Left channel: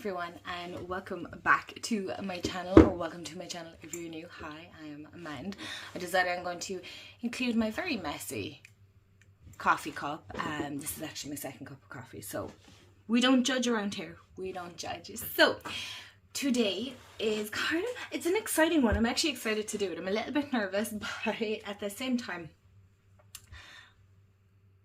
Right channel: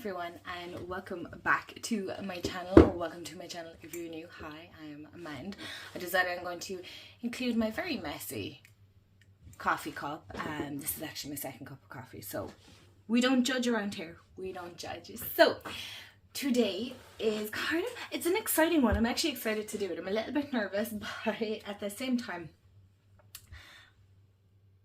everyone, and welcome back to my channel, or welcome to my channel if you're new. Hi, I'm Amanda. I decided I'm going to include my very messy coffee cup, and this is actually my second cup of coffee, so we don't judge around here. We don't judge. So today is it's an exciting one. I'm actually excited to do it. I'm a little bit nervous, but at the same time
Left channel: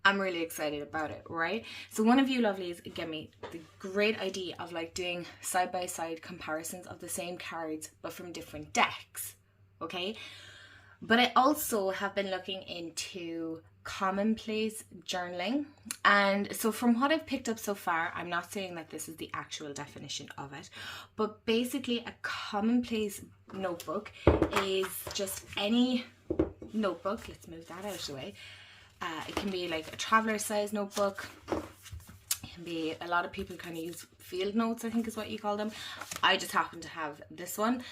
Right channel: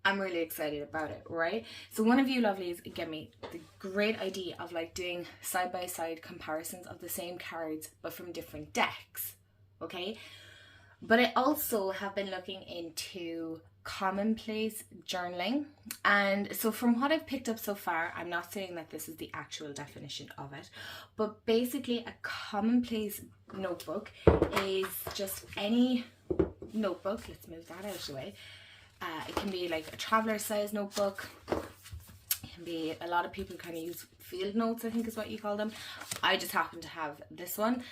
I'm really excited about it, right? So one of you lovelies gave me the great idea of like doing side-by-side comparisons of the same cards but from different decks, okay? But I also have been looking into Commonplace journaling, and so from what I've picked up so far, I'm not saying that this is the actual definition of it, but basically a Commonplace notebook is just any notebook. Let's move that out of the way. It can be like a traveler size notebook. It can be, a lot of people kind of use field notes, I think is what you call them. I just happen to have this one,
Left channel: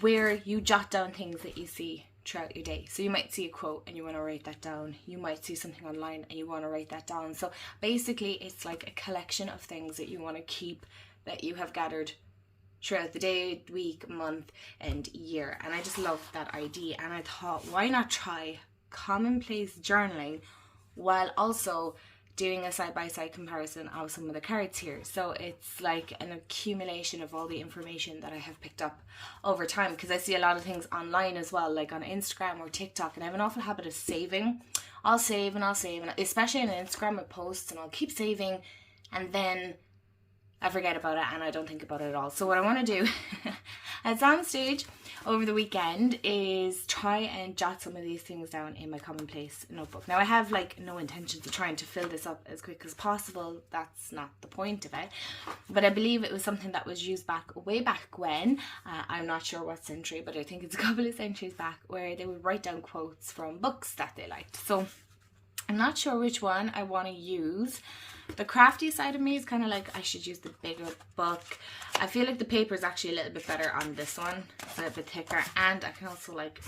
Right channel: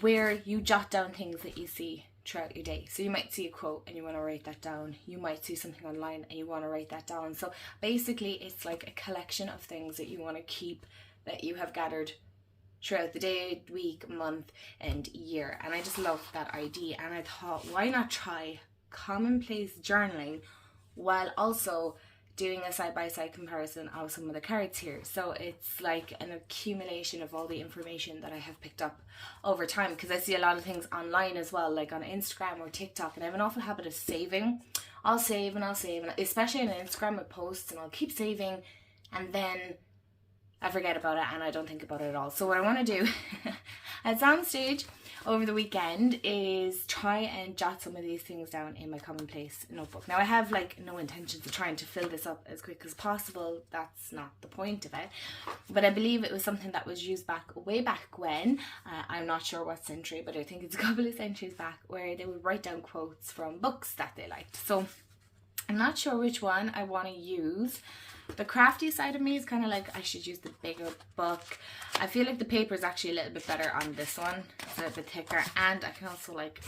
where you jot down things that you see throughout your day. So you might see a quote and you want to write that down. You might see something online and you want to write that down. So basically it's like a collection of things that you want to keep, that you have gathered throughout the day, week, month and year. And I just love that idea, and I thought, why not try Commonplace journaling while also doing a side-by-side comparison of some of the cards here. So it's like an accumulation of all the information that I have picked up over time, because I see a lot of things online as well, like on Instagram or TikTok, and I have an awful habit of saving. I'll save and I'll save, and especially on Instagram with posts, and I'll keep saving and then I forget about it and I don't think about it at all. So what I want to do at some stage over the weekend is try and jot some of these things down in my Commonplace notebook. Now I have like no intentions of trying to fill this up as quick as possible. That's not the point of it. But I believe it was something that was used way back when. I'm not sure what century, but I think it's a couple of centuries back, where they would write down quotes from books that they liked. So I'm not sure which one I want to use. The crafty side of me is kind of like, I should use the bigger book. I feel like the paper is actually a little bit better on this one. It's a little bit thicker, and I can also like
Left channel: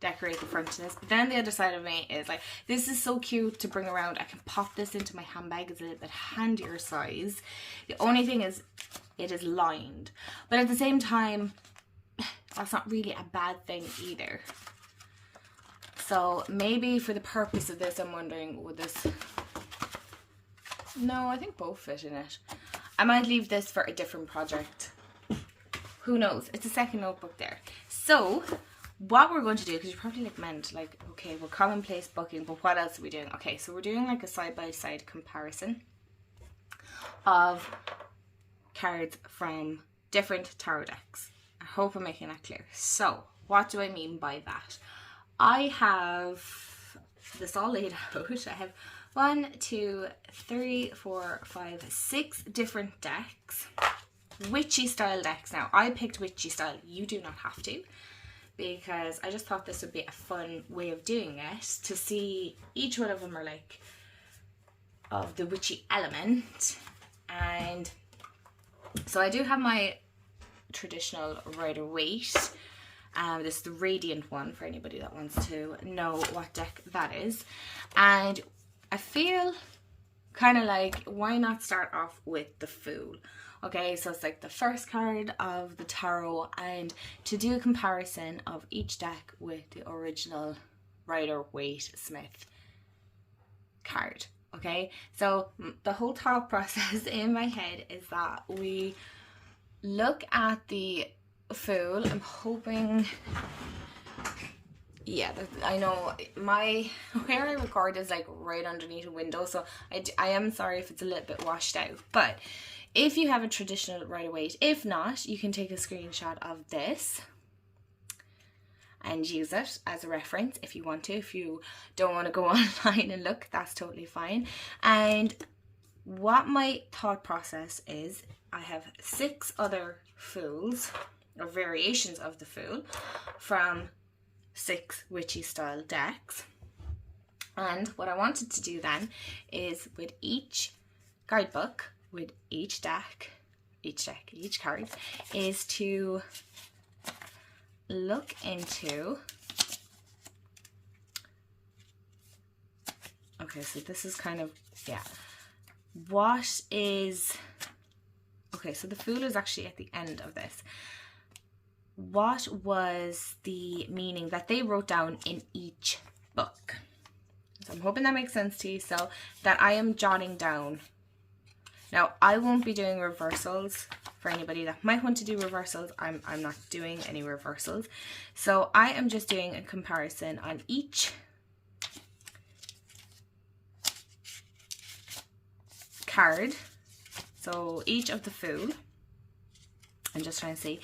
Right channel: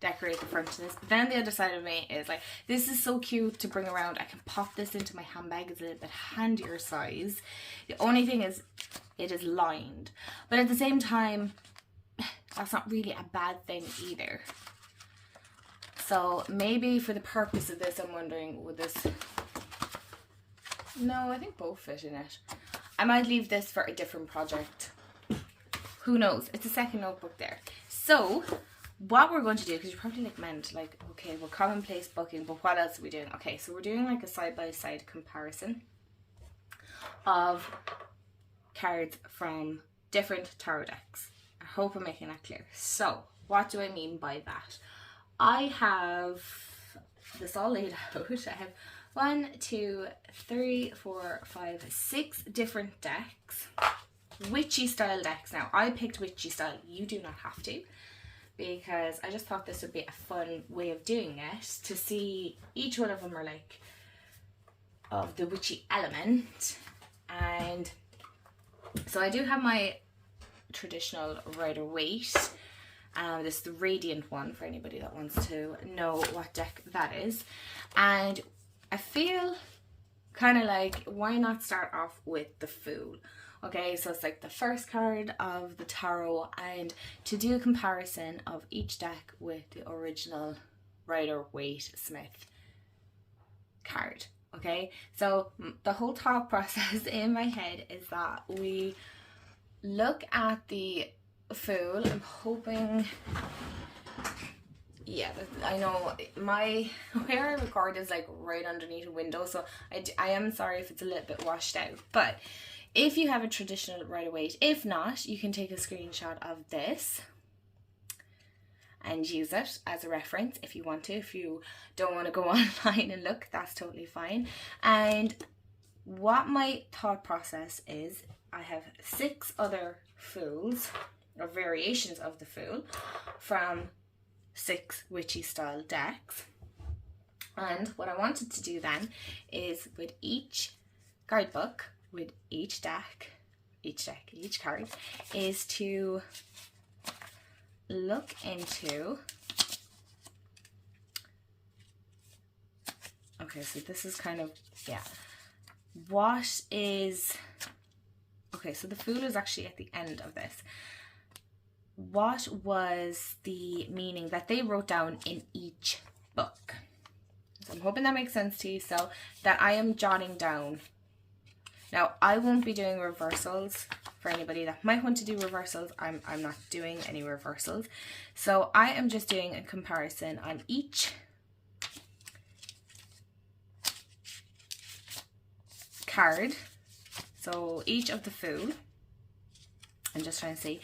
decorate the front of this. But then the other side of me is like, this is so cute to bring around. I can pop this into my handbag. It's a little bit handier size. The only thing is it is lined, but at the same time that's not really a bad thing either. So maybe for the purpose of this, I'm wondering, would this... No, I think both fit in it. I might leave this for a different project. Who knows? It's a second notebook there. So what we're going to do, because you're probably like, meant like, okay, we're Commonplace booking, but what else are we doing? Okay, so we're doing like a side-by-side comparison of cards from different tarot decks. I hope I'm making that clear. So what do I mean by that? I have this all laid out. I have 1, 2, 3, 4, 5, 6 different decks. Witchy style decks. Now, I picked witchy style. You do not have to, because I just thought this would be a fun way of doing it, to see each one of them are like of the witchy element. And so I do have my traditional Rider-Waite. This is the Radiant one, for anybody that wants to know what deck that is. And I feel kind of like, why not start off with the Fool? Okay, so it's like the first card of the tarot, and to do a comparison of each deck with the original Rider-Waite Smith card. Okay, so the whole thought process in my head is that we look at the Fool. I'm hoping... Yeah, I know where I record is like right underneath a window, so I am sorry if it's a little bit washed out. But if you have a traditional Rider-Waite, if not, you can take a screenshot of this and use it as a reference if you want to. If you don't want to go online and look, that's totally fine. And what my thought process is, I have 6 other Fools, or variations of the Fool, from 6 witchy style decks. And what I wanted to do then is, with each guidebook, with each card, is to look into... Okay, so this is kind of, yeah, what is Okay, so the Fool is actually at the end of this. What was the meaning that they wrote down in each book? So I'm hoping that makes sense to you. So that I am jotting down. Now, I won't be doing reversals. For anybody that might want to do reversals, I'm not doing any reversals. So I am just doing a comparison on each card. So each of the Fool. I'm just trying to see.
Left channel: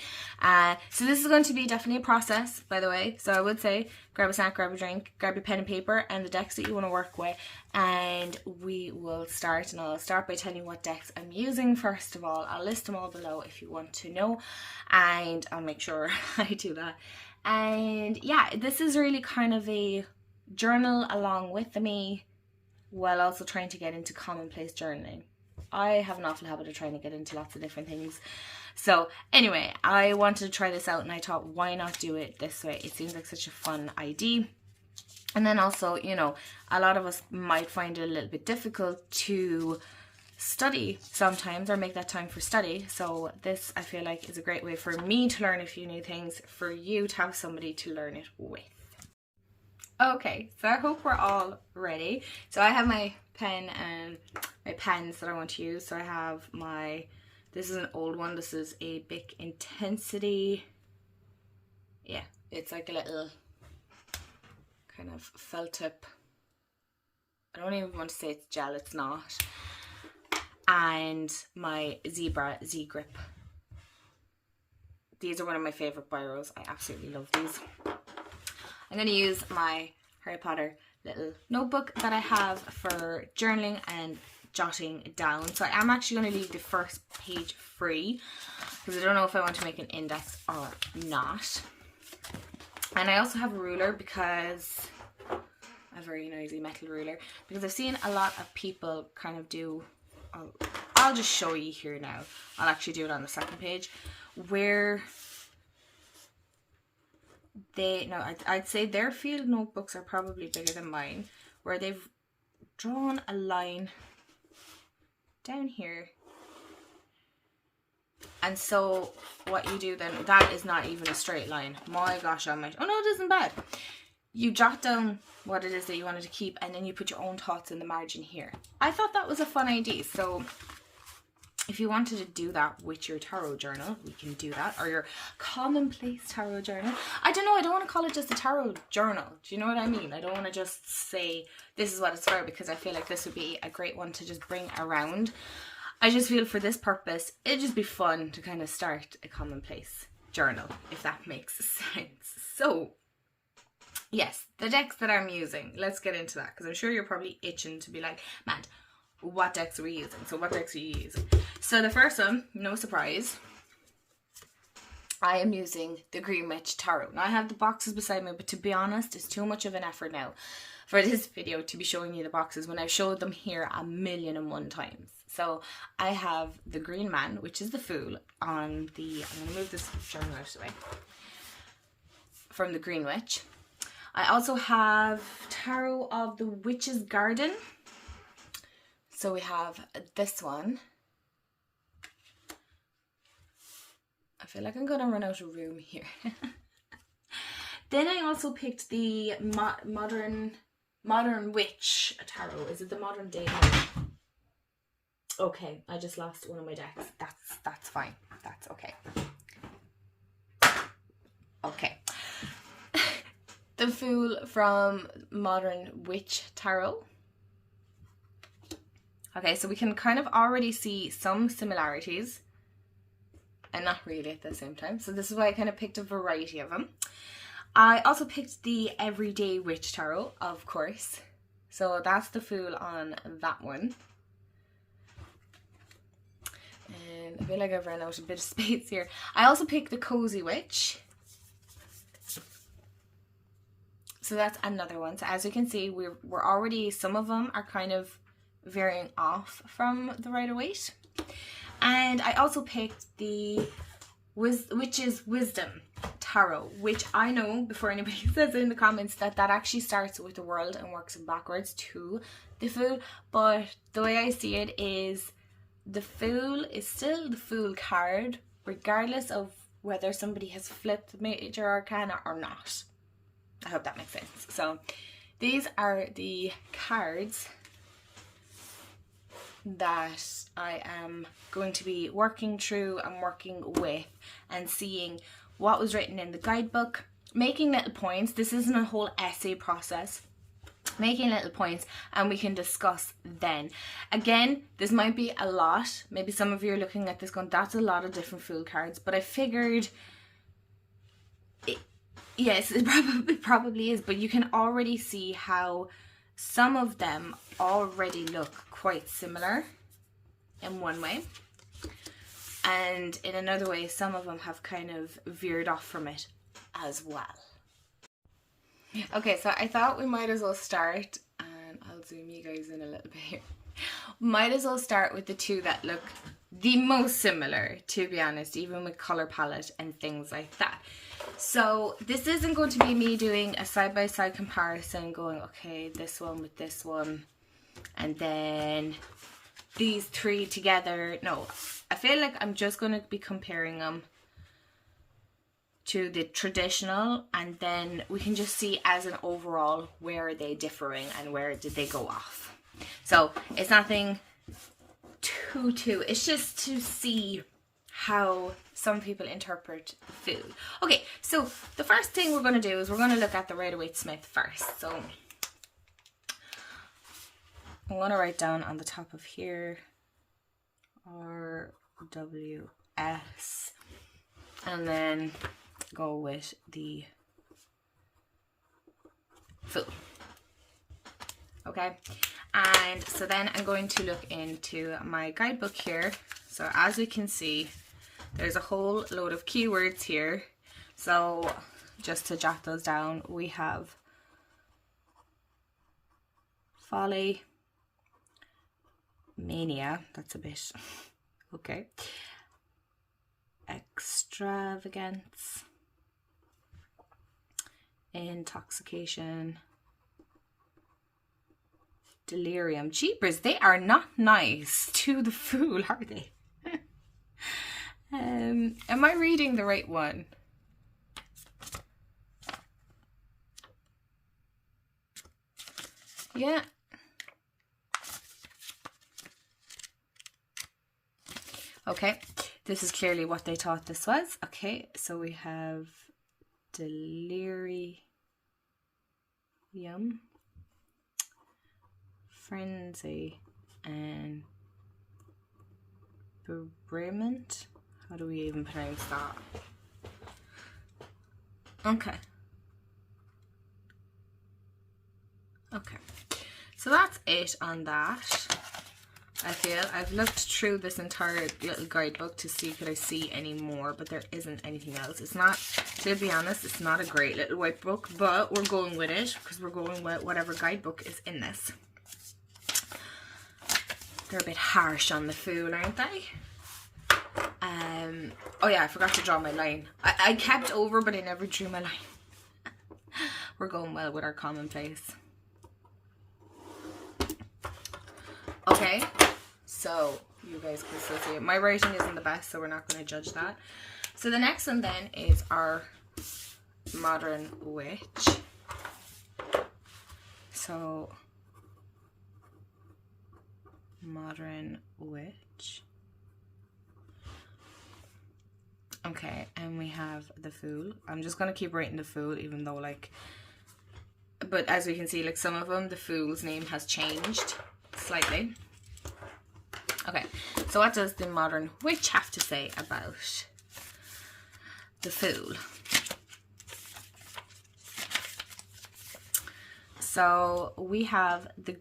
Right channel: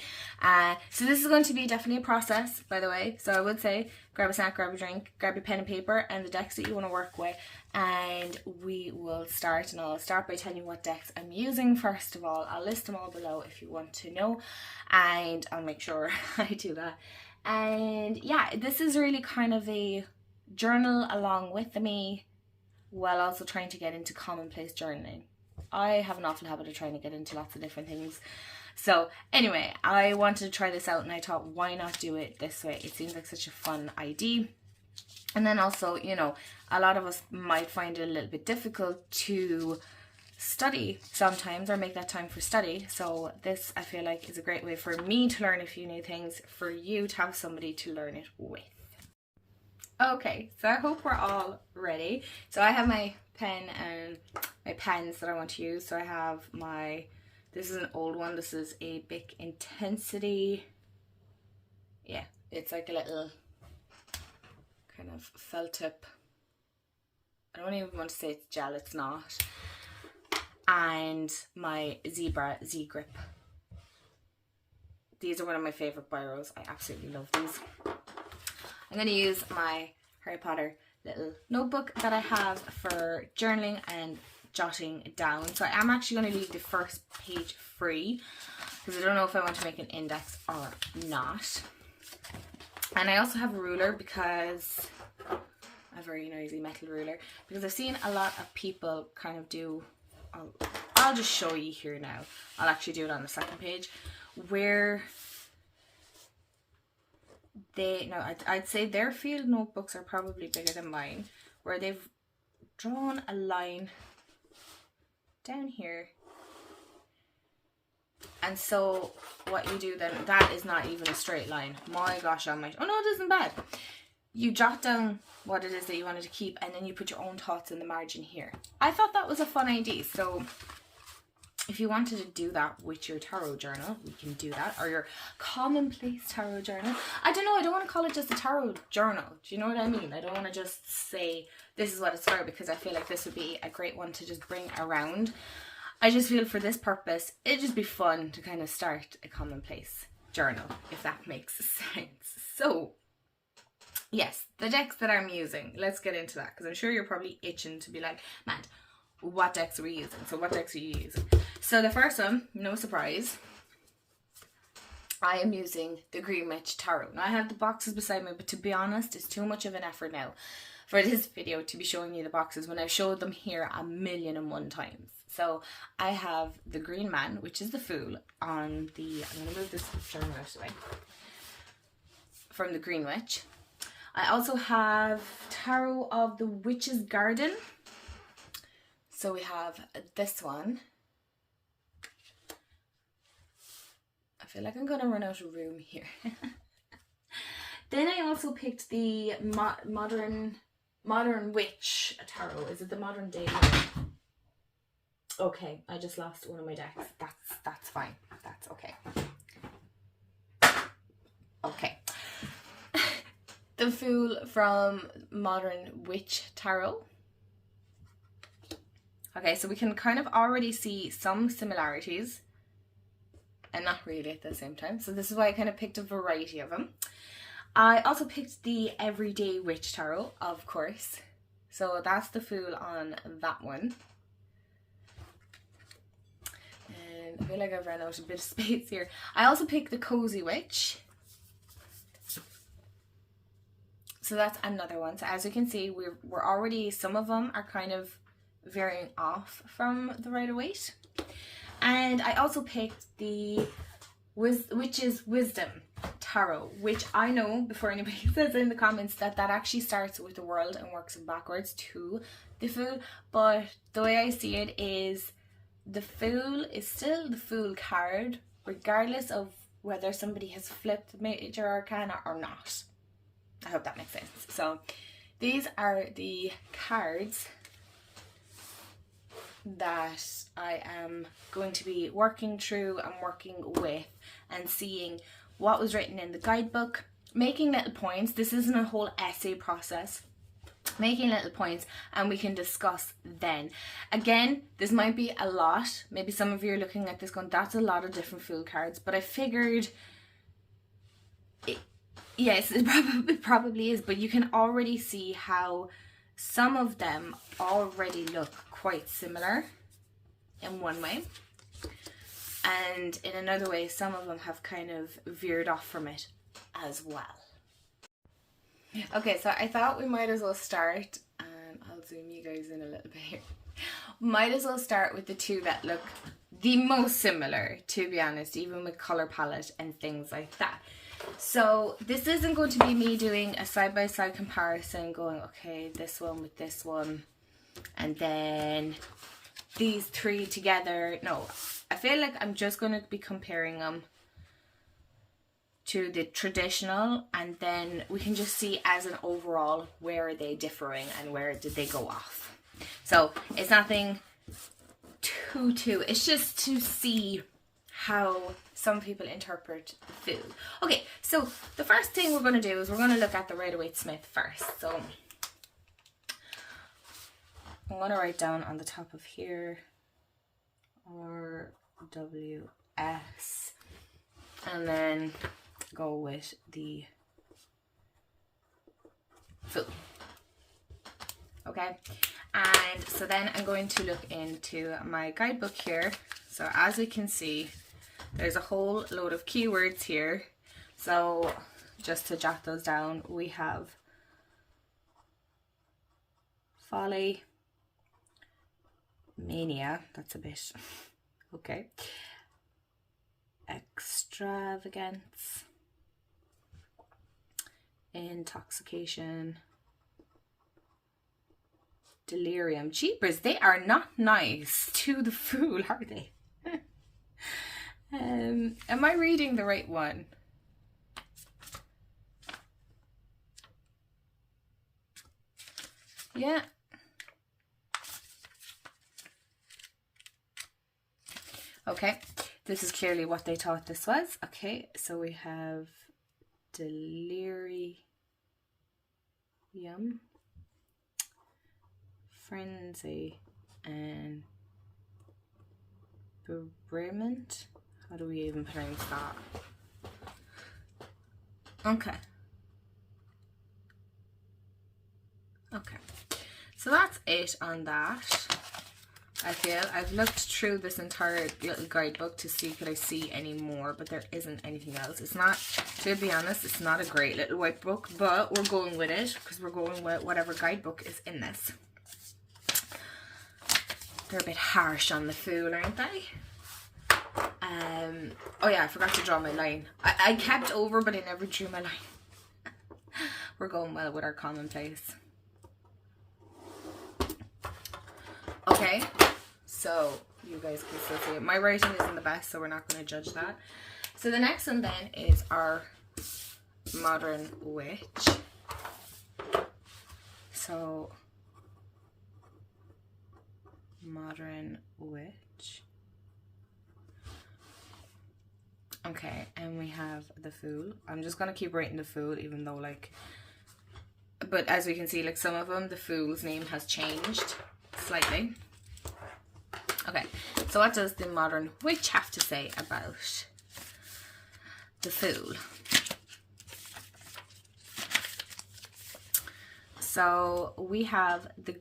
So this is going to be definitely a process, by the way. So I would say grab a snack, grab a drink, grab your pen and paper and the decks that you want to work with, and we will start. And I'll start by telling you what decks I'm using first of all. I'll list them all below if you want to know, and I'll make sure I do that. And yeah, this is really kind of a journal along with me, while also trying to get into commonplace journaling. I have an awful habit of trying to get into lots of different things. So anyway, I wanted to try this out and I thought, why not do it this way? It seems like such a fun idea. And then also, you know, a lot of us might find it a little bit difficult to study sometimes, or make that time for study. So this, I feel like, is a great way for me to learn a few new things, for you to have somebody to learn it with. Okay, so I hope we're all ready. So I have my pen and my pens that I want to use. So I have my... This is an old one. This is a Bic Intensity. Yeah, it's like a little kind of felt tip. I don't even want to say it's gel, it's not. And my Zebra Z-Grip. These are one of my favourite biros. I absolutely love these. I'm going to use my Harry Potter little notebook that I have for journaling and jotting down. So I am actually going to leave the first page free because I don't know if I want to make an index or not. And I also have a ruler, because a very noisy metal ruler, because I've seen a lot of people kind of do, I'll just show you here now. I'll actually do it on the second page, where they, no, I'd say their field notebooks are probably bigger than mine, where they've drawn a line down here. And so what you do then, that is not even a straight line. My gosh, oh no, it isn't bad. You jot down what it is that you wanted to keep, and then you put your own thoughts in the margin here. I thought that was a fun idea. So if you wanted to do that with your tarot journal, we can do that, or your commonplace tarot journal. I don't know, I don't want to call it just a tarot journal. Do you know what I mean? I don't want to just say this is what it's for, because I feel like this would be a great one to just bring around. I just feel for this purpose, it'd just be fun to kind of start a commonplace journal, if that makes sense. So yes, the decks that I'm using, let's get into that, because I'm sure you're probably itching to be like, Matt, what decks are we using? So what decks are you using? So the first one, no surprise, I am using the Green Witch Tarot. Now I have the boxes beside me, but to be honest, it's too much of an effort now for this video to be showing you the boxes when I've showed them here 1,000,001 times. So I have the Green Man, which is the Fool, on the, I'm going to move this journal out of the way, from the Green Witch. I also have Tarot of the Witch's Garden. So we have this one. I feel like I'm going to run out of room here. Then I also picked the Modern Witch Tarot. Is it the Modern Day one? Okay, I just lost one of my decks. That's fine. That's okay. Okay. The Fool from Modern Witch Tarot. Okay, so we can kind of already see some similarities, and not really at the same time. So this is why I kind of picked a variety of them. I also picked the Everyday Witch Tarot, of course. So that's the Fool on that one. And I feel like I've run out a bit of space here. I also picked the Cozy Witch. So that's another one. So as you can see, we're already, some of them are kind of varying off from the Rider-Waite. And I also picked the Witch's Wisdom Tarot, which I know, before anybody says in the comments, that actually starts with the World and works backwards to the Fool. But the way I see it is the Fool is still the Fool card, regardless of whether somebody has flipped Major Arcana or not. I hope that makes sense. So these are the cards that I am going to be working through and working with and seeing what was written in the guidebook, making little points. This isn't a whole essay process. Making little points, and we can discuss then. Again, this might be a lot. Maybe some of you are looking at this going, that's a lot of different Fool cards, but I figured yes, it probably is, but you can already see how some of them already look quite similar in one way, and in another way some of them have kind of veered off from it as well. Okay, so I thought we might as well start, and I'll zoom you guys in a little bit here. Might as well start with the two that look the most similar, to be honest, even with color palette and things like that. So this isn't going to be me doing a side-by-side comparison, going, okay, this one with this one, and then these three together. No, I feel like I'm just going to be comparing them to the traditional, and then we can just see as an overall where are they differing and where did they go off. So it's nothing too, it's just to see how some people interpret the Fool. Okay, so the first thing we're going to do is we're going to look at the Rider-Waite-Smith first. So I'm going to write down on the top of here RWS, and then go with the Fool. Okay, and so then I'm going to look into my guidebook here. So as we can see, there's a whole load of keywords here. So just to jot those down, we have folly, mania, that's a bit okay, extravagance, intoxication, delirium. Jeepers, they are not nice to the Fool, are they? Am I reading the right one? Yeah. Okay, this is clearly what they thought this was. Okay, so we have delirium, frenzy, and bewilderment. How do we even pronounce that? Okay. Okay. So that's it on that. I feel I've looked through this entire little guidebook to see could I see any more, but there isn't anything else. It's not, to be honest, it's not a great little white book, but we're going with it because we're going with whatever guidebook is in this. They're a bit harsh on the Fool, aren't they? Oh yeah, I forgot to draw my line. I kept over, but I never drew my line. We're going well with our Commonplace. Okay, so you guys can still see it. My writing isn't the best, so we're not going to judge that. So the next one then is our Modern Witch. So Modern Witch. Okay, and we have the Fool. I'm just going to keep writing the Fool, even though, like, but as we can see, like, some of them, the Fool's name has changed slightly. Okay, so what does the Modern Witch have to say about the Fool? So we have the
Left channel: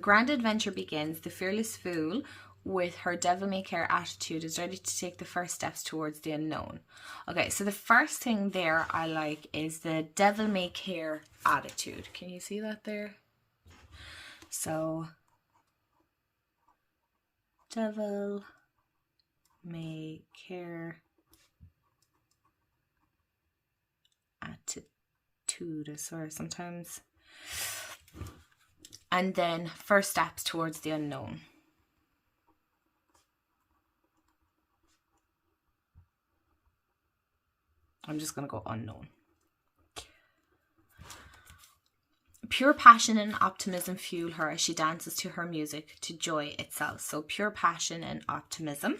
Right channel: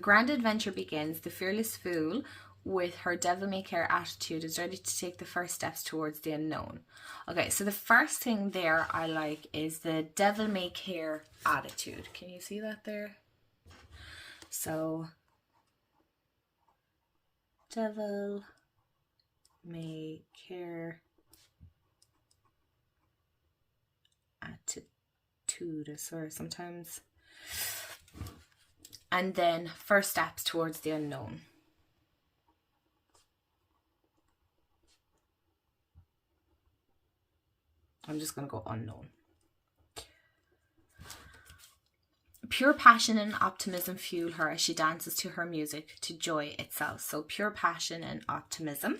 grand adventure begins. The fearless Fool, with her devil-may-care attitude, is ready to take the first steps towards the unknown. Okay, so the first thing there I like is the devil-may-care attitude. Can you see that there? So devil-may-care attitude, I swear sometimes. And then first steps towards the unknown. I'm just going to go unknown. Pure passion and optimism fuel her as she dances to her music, to joy itself. So pure passion and optimism.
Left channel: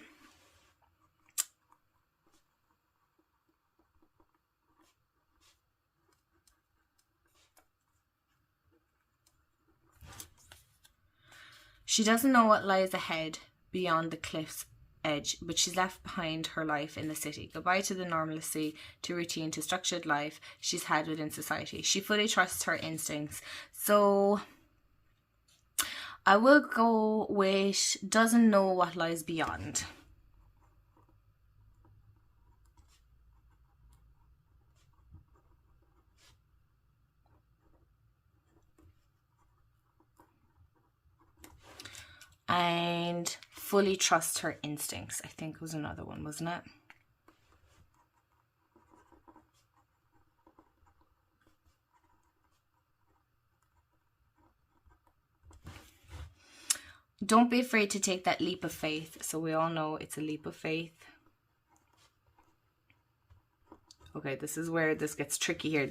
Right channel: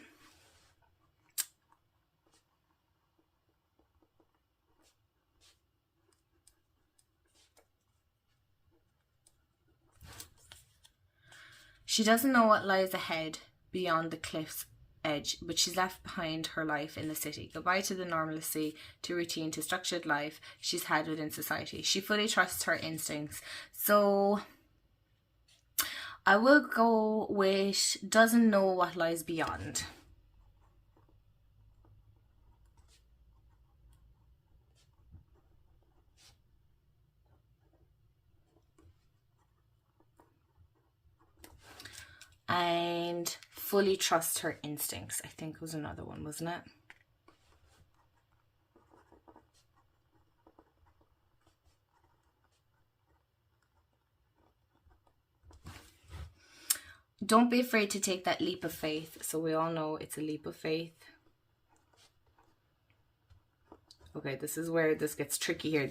She doesn't know what lies ahead beyond the cliff's edge, but she's left behind her life in the city. Goodbye to the normalcy, to routine, to structured life she's had within society. She fully trusts her instincts. So I will go with doesn't know what lies beyond. And fully trust her instincts, I think was another one, wasn't it? Don't be afraid to take that leap of faith. So we all know it's a leap of faith. Okay, this is where this gets tricky here.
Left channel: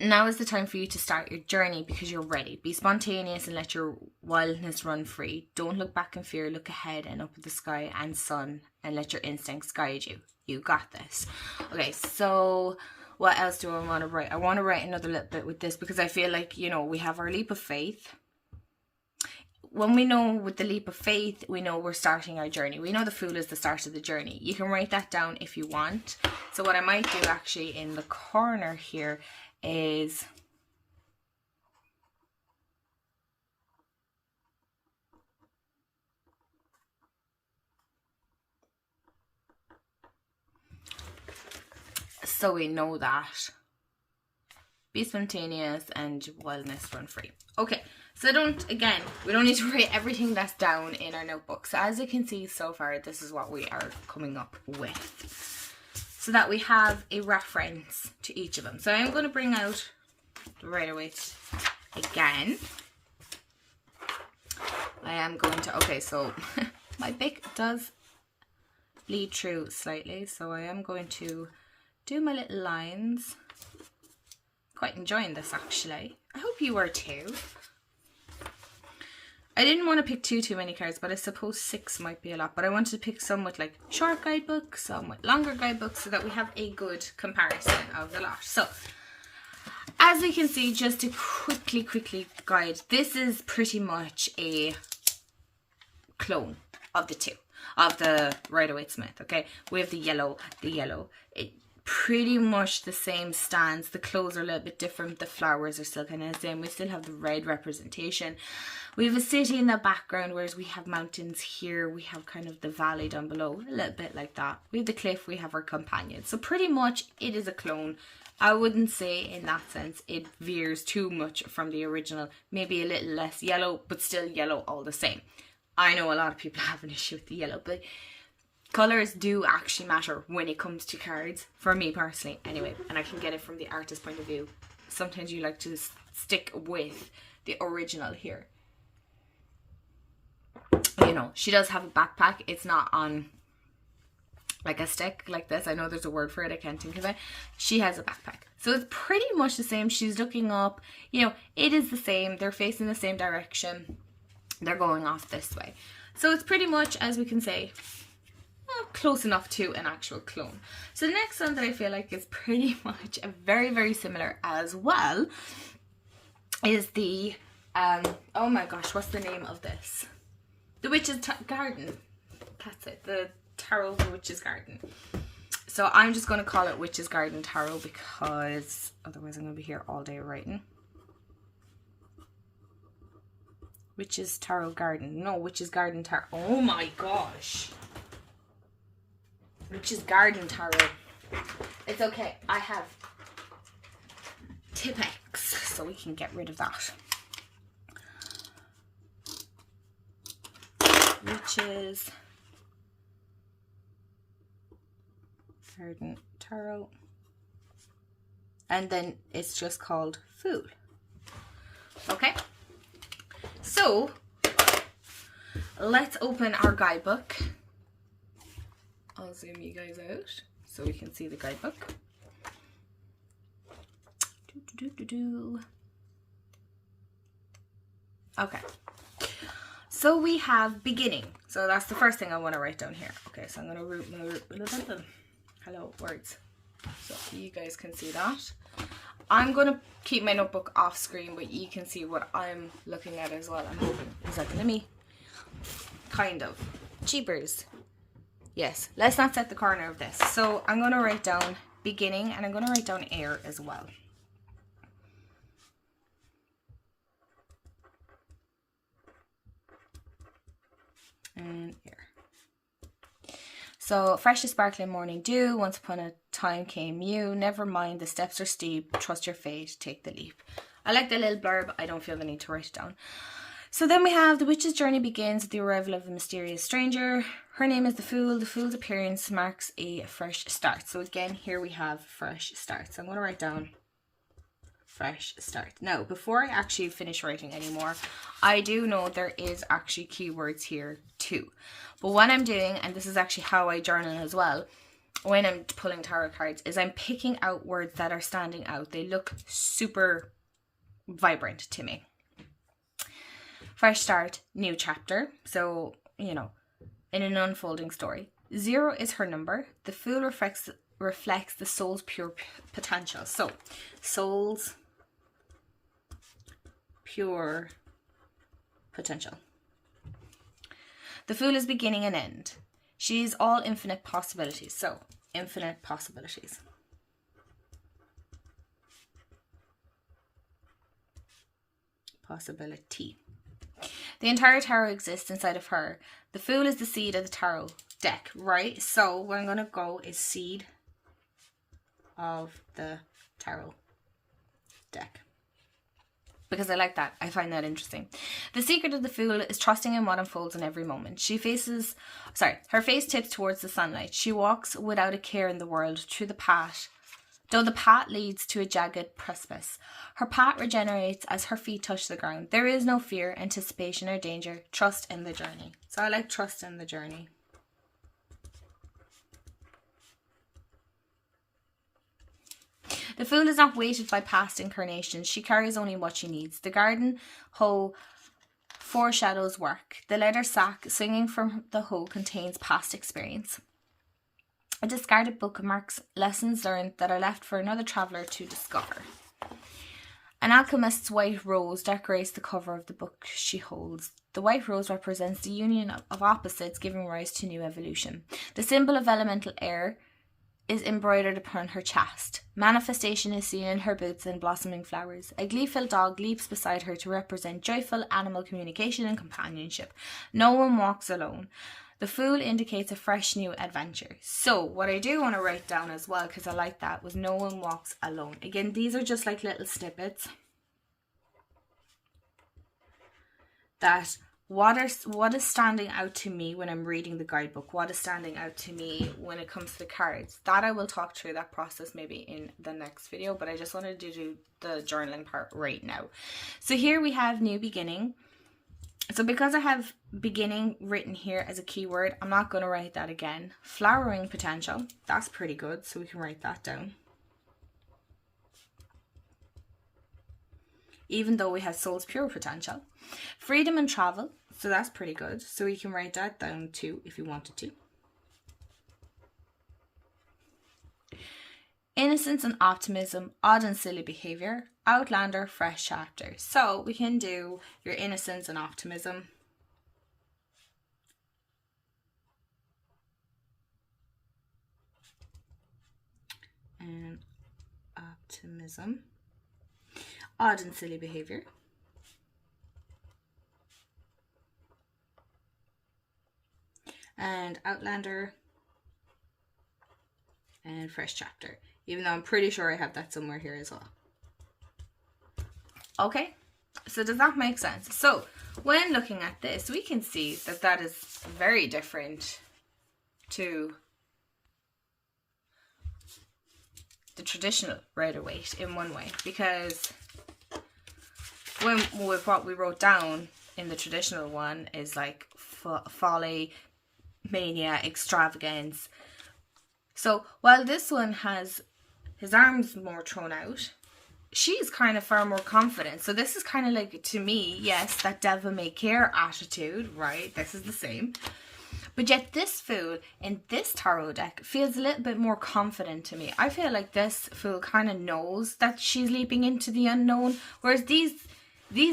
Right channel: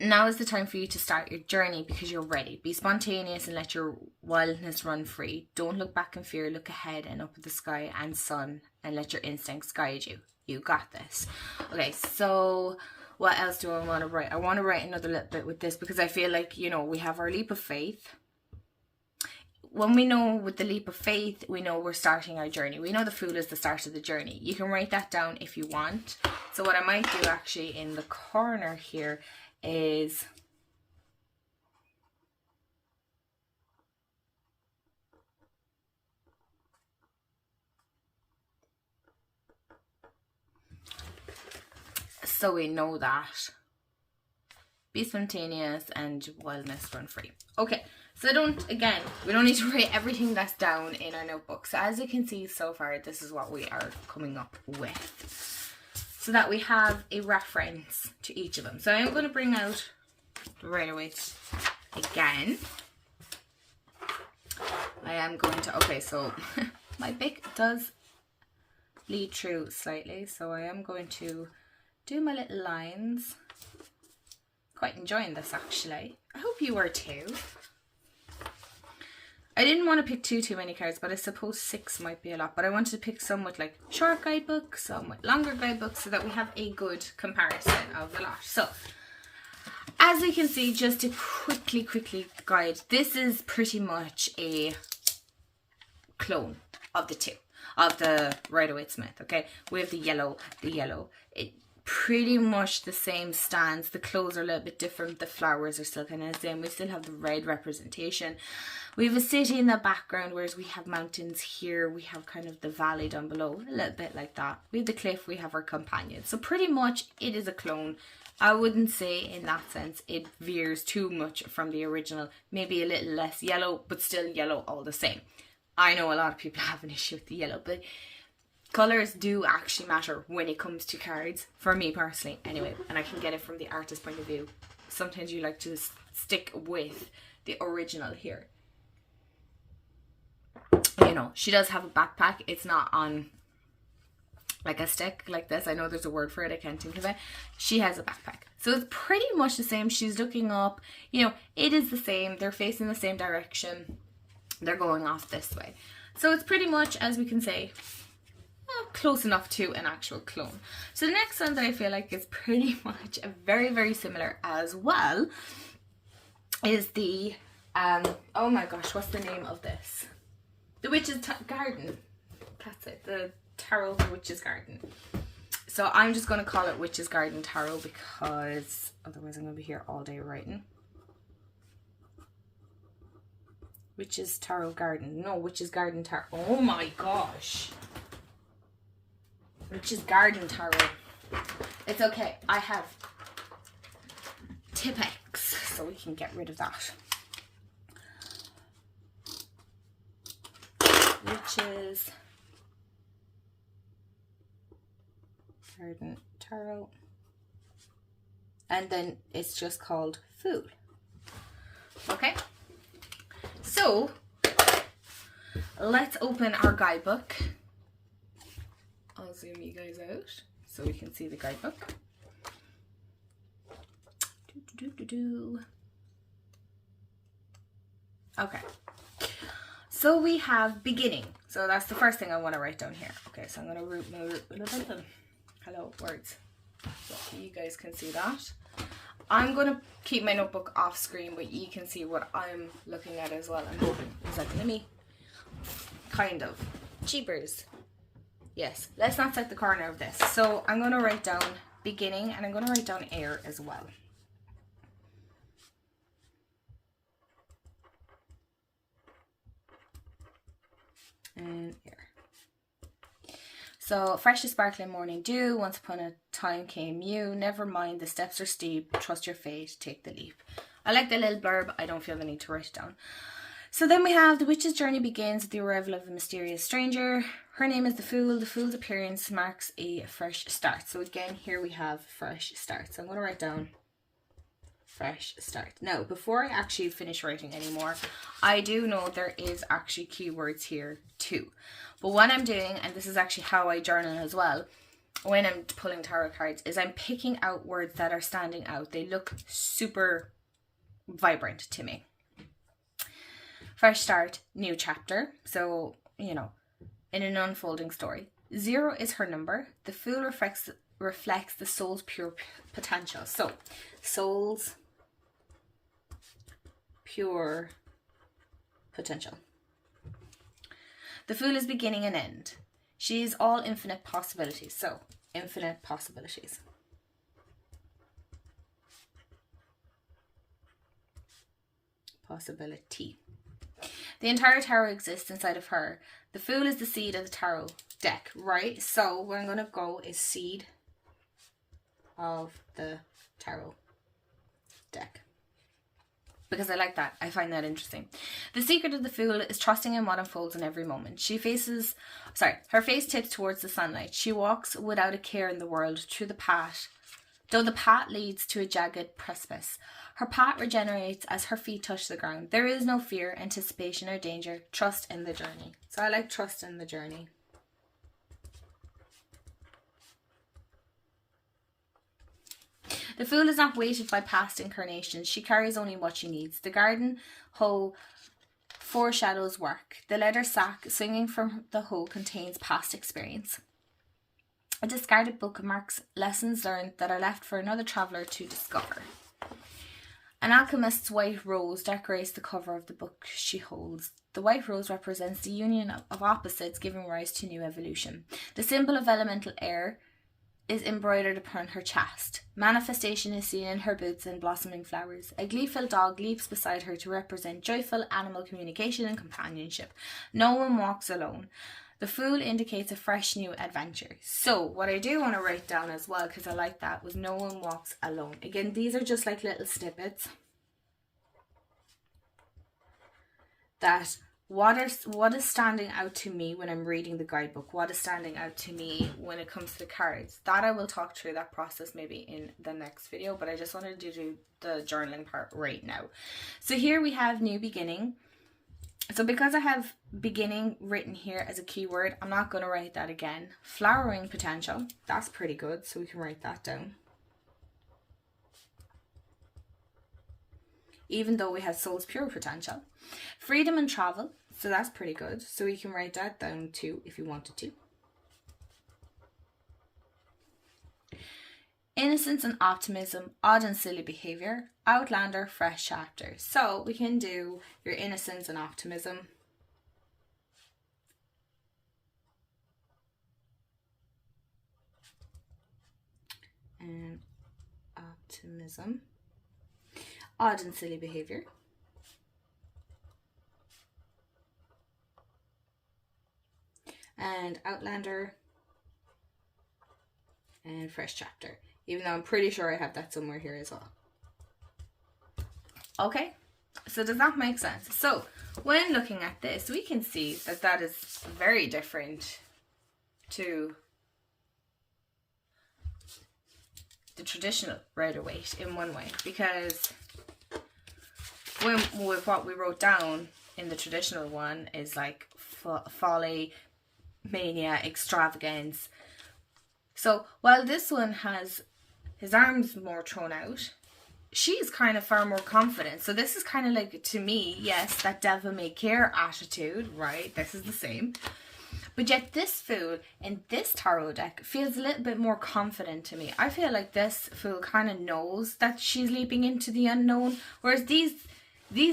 Now is the time for you to start your journey because you're ready. Be spontaneous and let your wildness run free. Don't look back in fear. Look ahead and up at the sky and sun and let your instincts guide you. You got this. Okay, so what else do I want to write? I want to write another little bit with this because I feel like, you know, we have our leap of faith. When we know with the leap of faith, we know we're starting our journey. We know the Fool is the start of the journey. You can write that down if you want. So what I might do actually in the corner here is so we know that. Be spontaneous and wildness run free. Okay, so we don't need to write everything that's down in our notebook. So as you can see so far, this is what we are coming up with, so that we have a reference to each of them. So I'm going to bring out right away again. I am going to, okay, so my pick does bleed through slightly, so I am going to do my little lines. Quite enjoying this actually. I hope you are too. I didn't want to pick too many cards, but I suppose 6 might be a lot. But I wanted to pick some with like short guidebooks, some with longer guidebooks, so that we have a good comparison of the lot. So, as we can see, just to quickly guide, this is pretty much a clone of the two, of the Rider-Waite-Smith, okay? We have the yellow. It pretty much the same stance. The clothes are a little bit different. The flowers are still kind of the same. We still have the red representation. We have a city in the background, whereas we have mountains here. We have kind of the valley down below, a little bit like that. We have the cliff, we have our companion. So pretty much it is a clone. I wouldn't say in that sense it veers too much from the original. Maybe a little less yellow, but still yellow all the same. I know a lot of people have an issue with the yellow, but colours do actually matter when it comes to cards, for me personally anyway, and I can get it from the artist's point of view. Sometimes you like to stick with the original here. You know, she does have a backpack. It's not on like a stick like this. I know there's a word for it, I can't think of it. She has a backpack, so it's pretty much the same. She's looking up, you know, it is the same. They're facing the same direction. They're going off this way, so it's pretty much, as we can say, close enough to an actual clone. So the next one that I feel like is pretty much a very similar as well is the oh my gosh, what's the name of this? The Witch's Garden. That's it. The Tarot of the Witch's Garden. So I'm just going to call it Witch's Garden Tarot because otherwise I'm going to be here all day writing. Witch's Tarot Garden. No, Witch's Garden Tarot. Oh my gosh. Witch's Garden Tarot. It's okay. I have Tipp-Ex, so we can get rid of that. Witch's Garden Tarot. And then it's just called Fool. Okay. So, let's open our guidebook. I'll zoom you guys out so we can see the guidebook. Okay, so we have beginning. So that's the first thing I want to write down here. Okay, so I'm going to root hello words so you guys can see that. I'm going to keep my notebook off screen, but you can see what I'm looking at as well. I'm hoping. Is that going to me? Kind of. Cheapers. Yes, let's not set the corner of this. So I'm going to write down beginning, and I'm going to write down air as well. And air. So, fresh and sparkling morning dew, once upon a time came you, never mind, the steps are steep, trust your fate, take the leap. I like the little blurb, I don't feel the need to write it down. So then we have the witch's journey begins with the arrival of a mysterious stranger. Her name is the Fool. The Fool's appearance marks a fresh start. So again, here we have fresh start. So I'm going to write down fresh start. Now, before I actually finish writing anymore, I do know there is actually keywords here too. But what I'm doing, and this is actually how I journal as well, when I'm pulling tarot cards, is I'm picking out words that are standing out. They look super vibrant to me. Fresh start, new chapter. So, you know, in an unfolding story. 0 is her number. The Fool reflects the soul's pure potential. So, soul's pure potential. The Fool is beginning and end. She is all infinite possibilities. So, infinite possibilities. Possibility. The entire tarot exists inside of her. The Fool is the seed of the tarot deck, right? So, where I'm going to go is seed of the tarot deck. Because I like that. I find that interesting. The secret of the Fool is trusting in what unfolds in every moment. Her face tips towards the sunlight. She walks without a care in the world through the path, though the path leads to a jagged precipice. Her path regenerates as her feet touch the ground. There is no fear, anticipation, or danger. Trust in the journey. So I like trust in the journey. The Fool is not weighted by past incarnations. She carries only what she needs. The garden hoe foreshadows work. The leather sack swinging from the hoe contains past experience. A discarded book marks lessons learned that are left for another traveller to discover. An alchemist's white rose decorates the cover of the book she holds. The white rose represents the union of opposites giving rise to new evolution. The symbol of elemental air is embroidered upon her chest. Manifestation is seen in her boots and blossoming flowers. A gleeful dog leaps beside her to represent joyful animal communication and companionship. No one walks alone. The Fool indicates a fresh new adventure. So what I do want to write down as well, because I like that, was no one walks alone. Again, these are just like little snippets that what is standing out to me when I'm reading the guidebook, what is standing out to me when it comes to the cards. That I will talk through that process maybe in the next video, but I just wanted to do the journaling part right now. So here we have new beginning. So because I have beginning written here as a keyword, I'm not going to write that again. Flowering potential, that's pretty good, so we can write that down. Even though we have soul's pure potential. Freedom and travel, so that's pretty good. So we can write that down too if we wanted to. Innocence and optimism, odd and silly behaviour, outlander, fresh chapter. So we can do your innocence and optimism. And optimism. Odd and silly behaviour. And outlander. And fresh chapter. Even though I'm pretty sure I have that somewhere here as well. Okay, so does that make sense? So when looking at this, we can see that that is very different to the traditional Rider-Waite in one way, because with what we wrote down in the traditional one is like folly, mania, extravagance, So while this one has his arms more thrown out, she's kind of far more confident. So this is kind of like, to me, yes, that devil may care attitude, right? This is the same. But yet this fool in this tarot deck feels a little bit more confident to me. I feel like this fool kind of knows that she's leaping into the unknown. Whereas these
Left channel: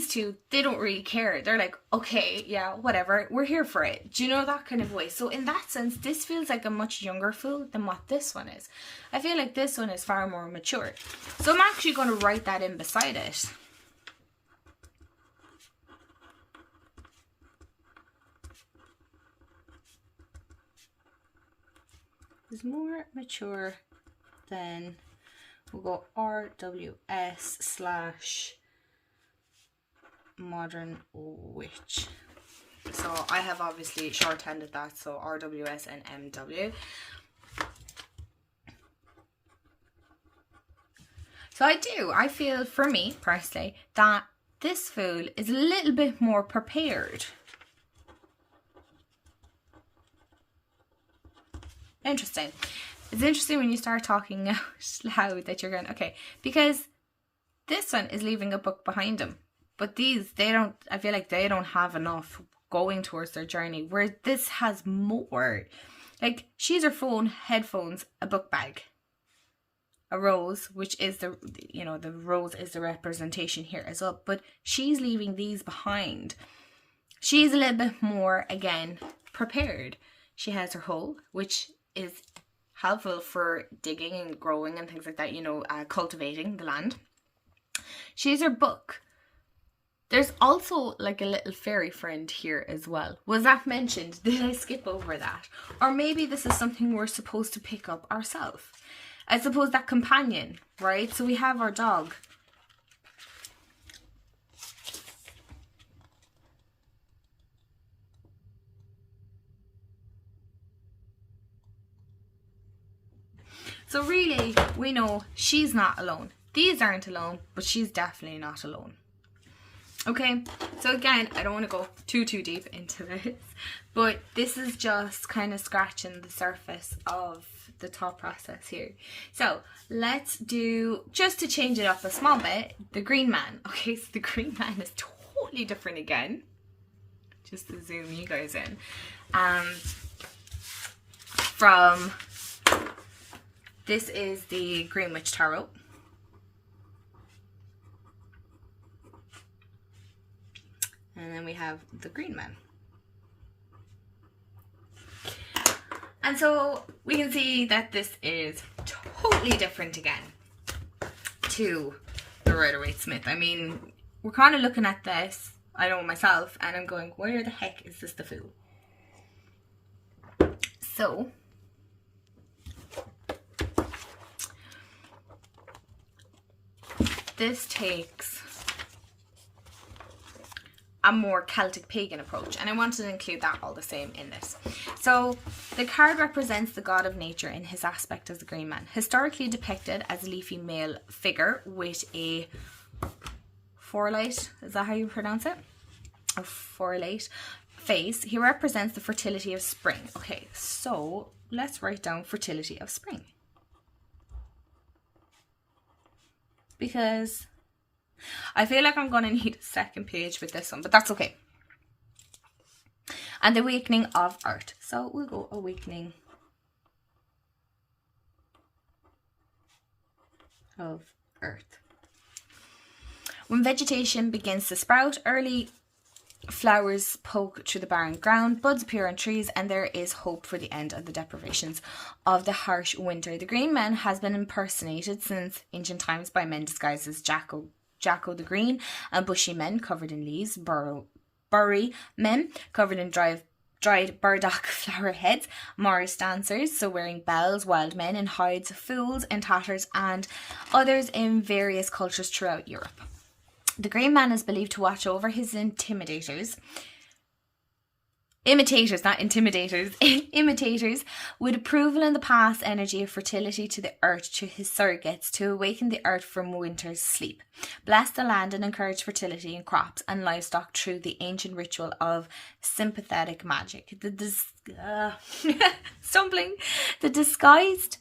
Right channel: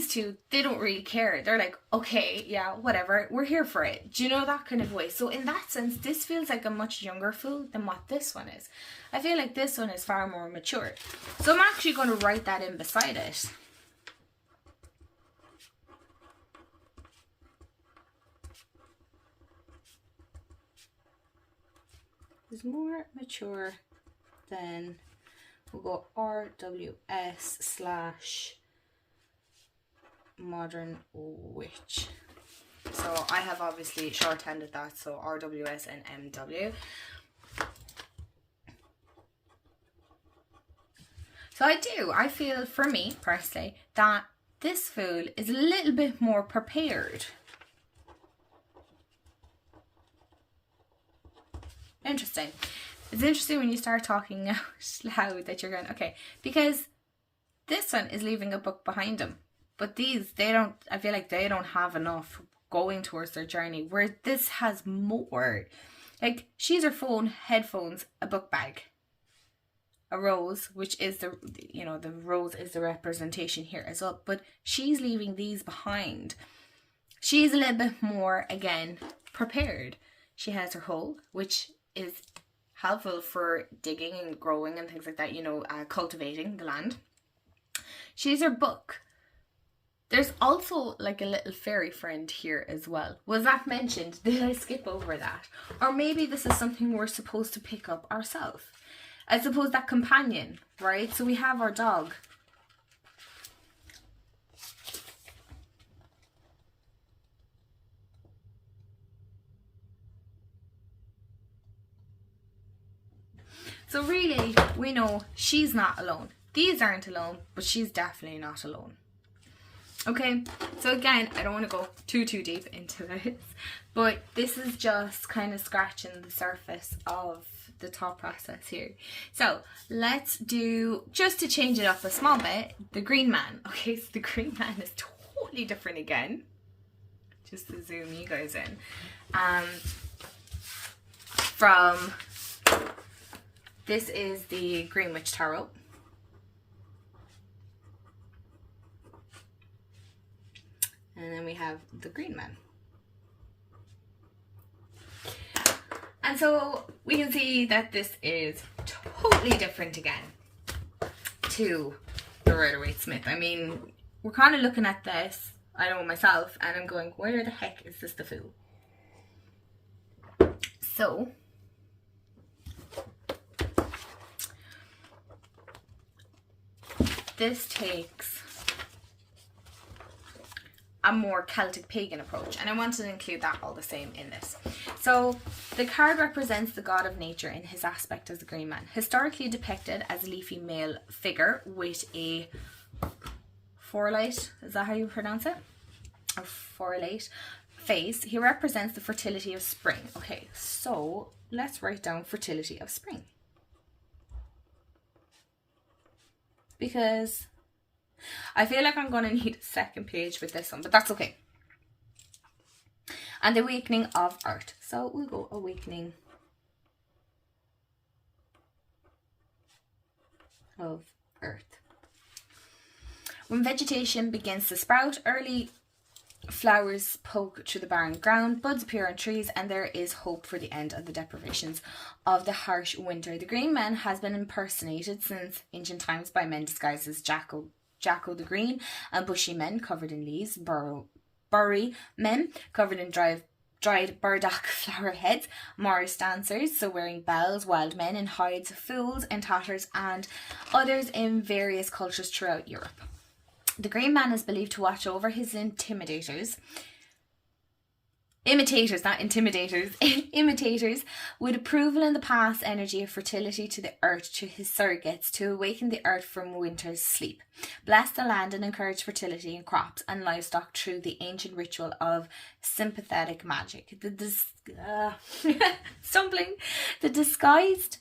two, they don't really care. They're like, okay, yeah, whatever, we're here for it. Do you know, that kind of way? So in that sense, this feels like a much younger fool than what this one is. I feel like this one is far more mature. So I'm actually going to write that in beside it. Is more mature than, we'll go RWS/modern witch. So I have obviously shorthanded that, so RWS and MW. So I feel, for me personally, that this fool is a little bit more prepared. Interesting. It's interesting when you start talking out loud that you're going, okay, because this one is leaving a book behind him. But these, I feel like they don't have enough going towards their journey, where this has more. Like, she's her phone, headphones, a book bag, a rose, which is the rose is the representation here as well. But she's leaving these behind. She's a little bit more, again, prepared. She has her hoe, which is helpful for digging and growing and things like that, cultivating the land. She's her book. There's also like a little fairy friend here as well. Was that mentioned? Did I skip over that? Or maybe this is something we're supposed to pick up ourselves. I suppose that companion, right? So we have our dog. So really, we know she's not alone. These aren't alone, but she's definitely not alone. Okay, so again, I don't want to go too deep into this, but this is just kind of scratching the surface of the thought process here. So let's do, just to change it up a small bit, the green man. Okay, so the green man is totally different again. Just to zoom you guys in. This is the Green Witch Tarot. And then we have the Green Man. And so we can see that this is totally different again to the Rider-Waite-Smith. I mean, we're kind of looking at this, I know myself, and I'm going, where the heck is this the fool? So this takes a more Celtic pagan approach, and I wanted to include that all the same in this. So the card represents the god of nature in his aspect as the Green Man, historically depicted as a leafy male figure with a forelight, is that how you pronounce it? A forelight face. He represents the fertility of spring. Okay, so let's write down fertility of spring, because I feel like I'm going to need a second page with this one, but that's okay. And the awakening of earth. So we'll go awakening of earth. When vegetation begins to sprout, early flowers poke through the barren ground, buds appear on trees, and there is hope for the end of the deprivations of the harsh winter. The Green Man has been impersonated since ancient times by men disguised as Jacko the Green, and bushy men covered in leaves, burry men covered in dried burdock flower heads, Morris dancers, so wearing bells, wild men in hides, fools in tatters, and others in various cultures throughout Europe. The Green Man is believed to watch over his intimidators, imitators, not intimidators, imitators, with approval in the past energy of fertility to the earth to his surrogates to awaken the earth from winter's sleep. Bless the land and encourage fertility in crops and livestock through the ancient ritual of sympathetic magic. Stumbling. The disguised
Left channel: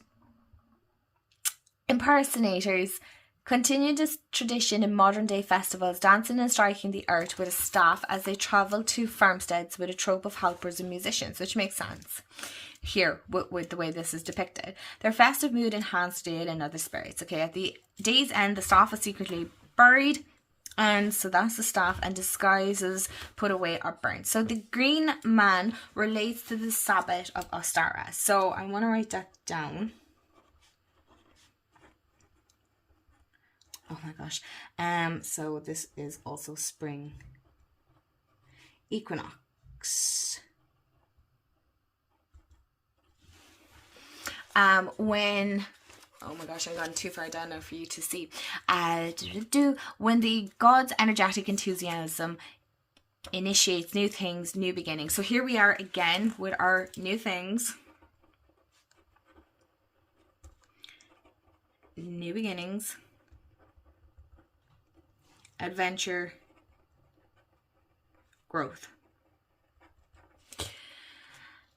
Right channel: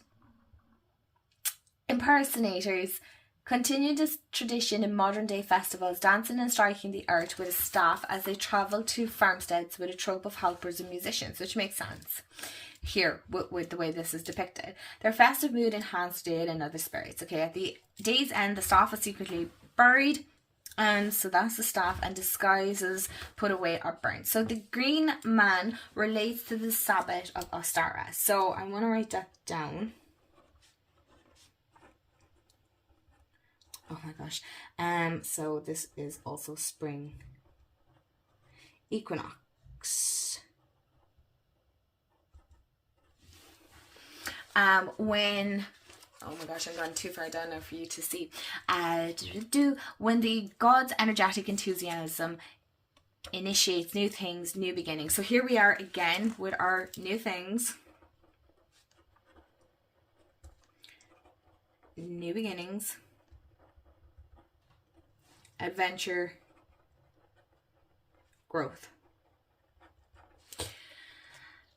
impersonators continue this tradition in modern day festivals, dancing and striking the earth with a staff as they travel to farmsteads with a troop of helpers and musicians, which makes sense here with the way this is depicted. Their festive mood enhanced Dale and other spirits. Okay, at the day's end, the staff is secretly buried, and so that's the staff, and disguises put away or burnt. So the green man relates to the Sabbath of Ostara. So I want to write that down. Oh my gosh. So this is also spring equinox. When, oh my gosh, I'm going too far down now for you to see. When the god's energetic enthusiasm initiates new things, new beginnings. So here we are again with our new things. New beginnings. Adventure, growth.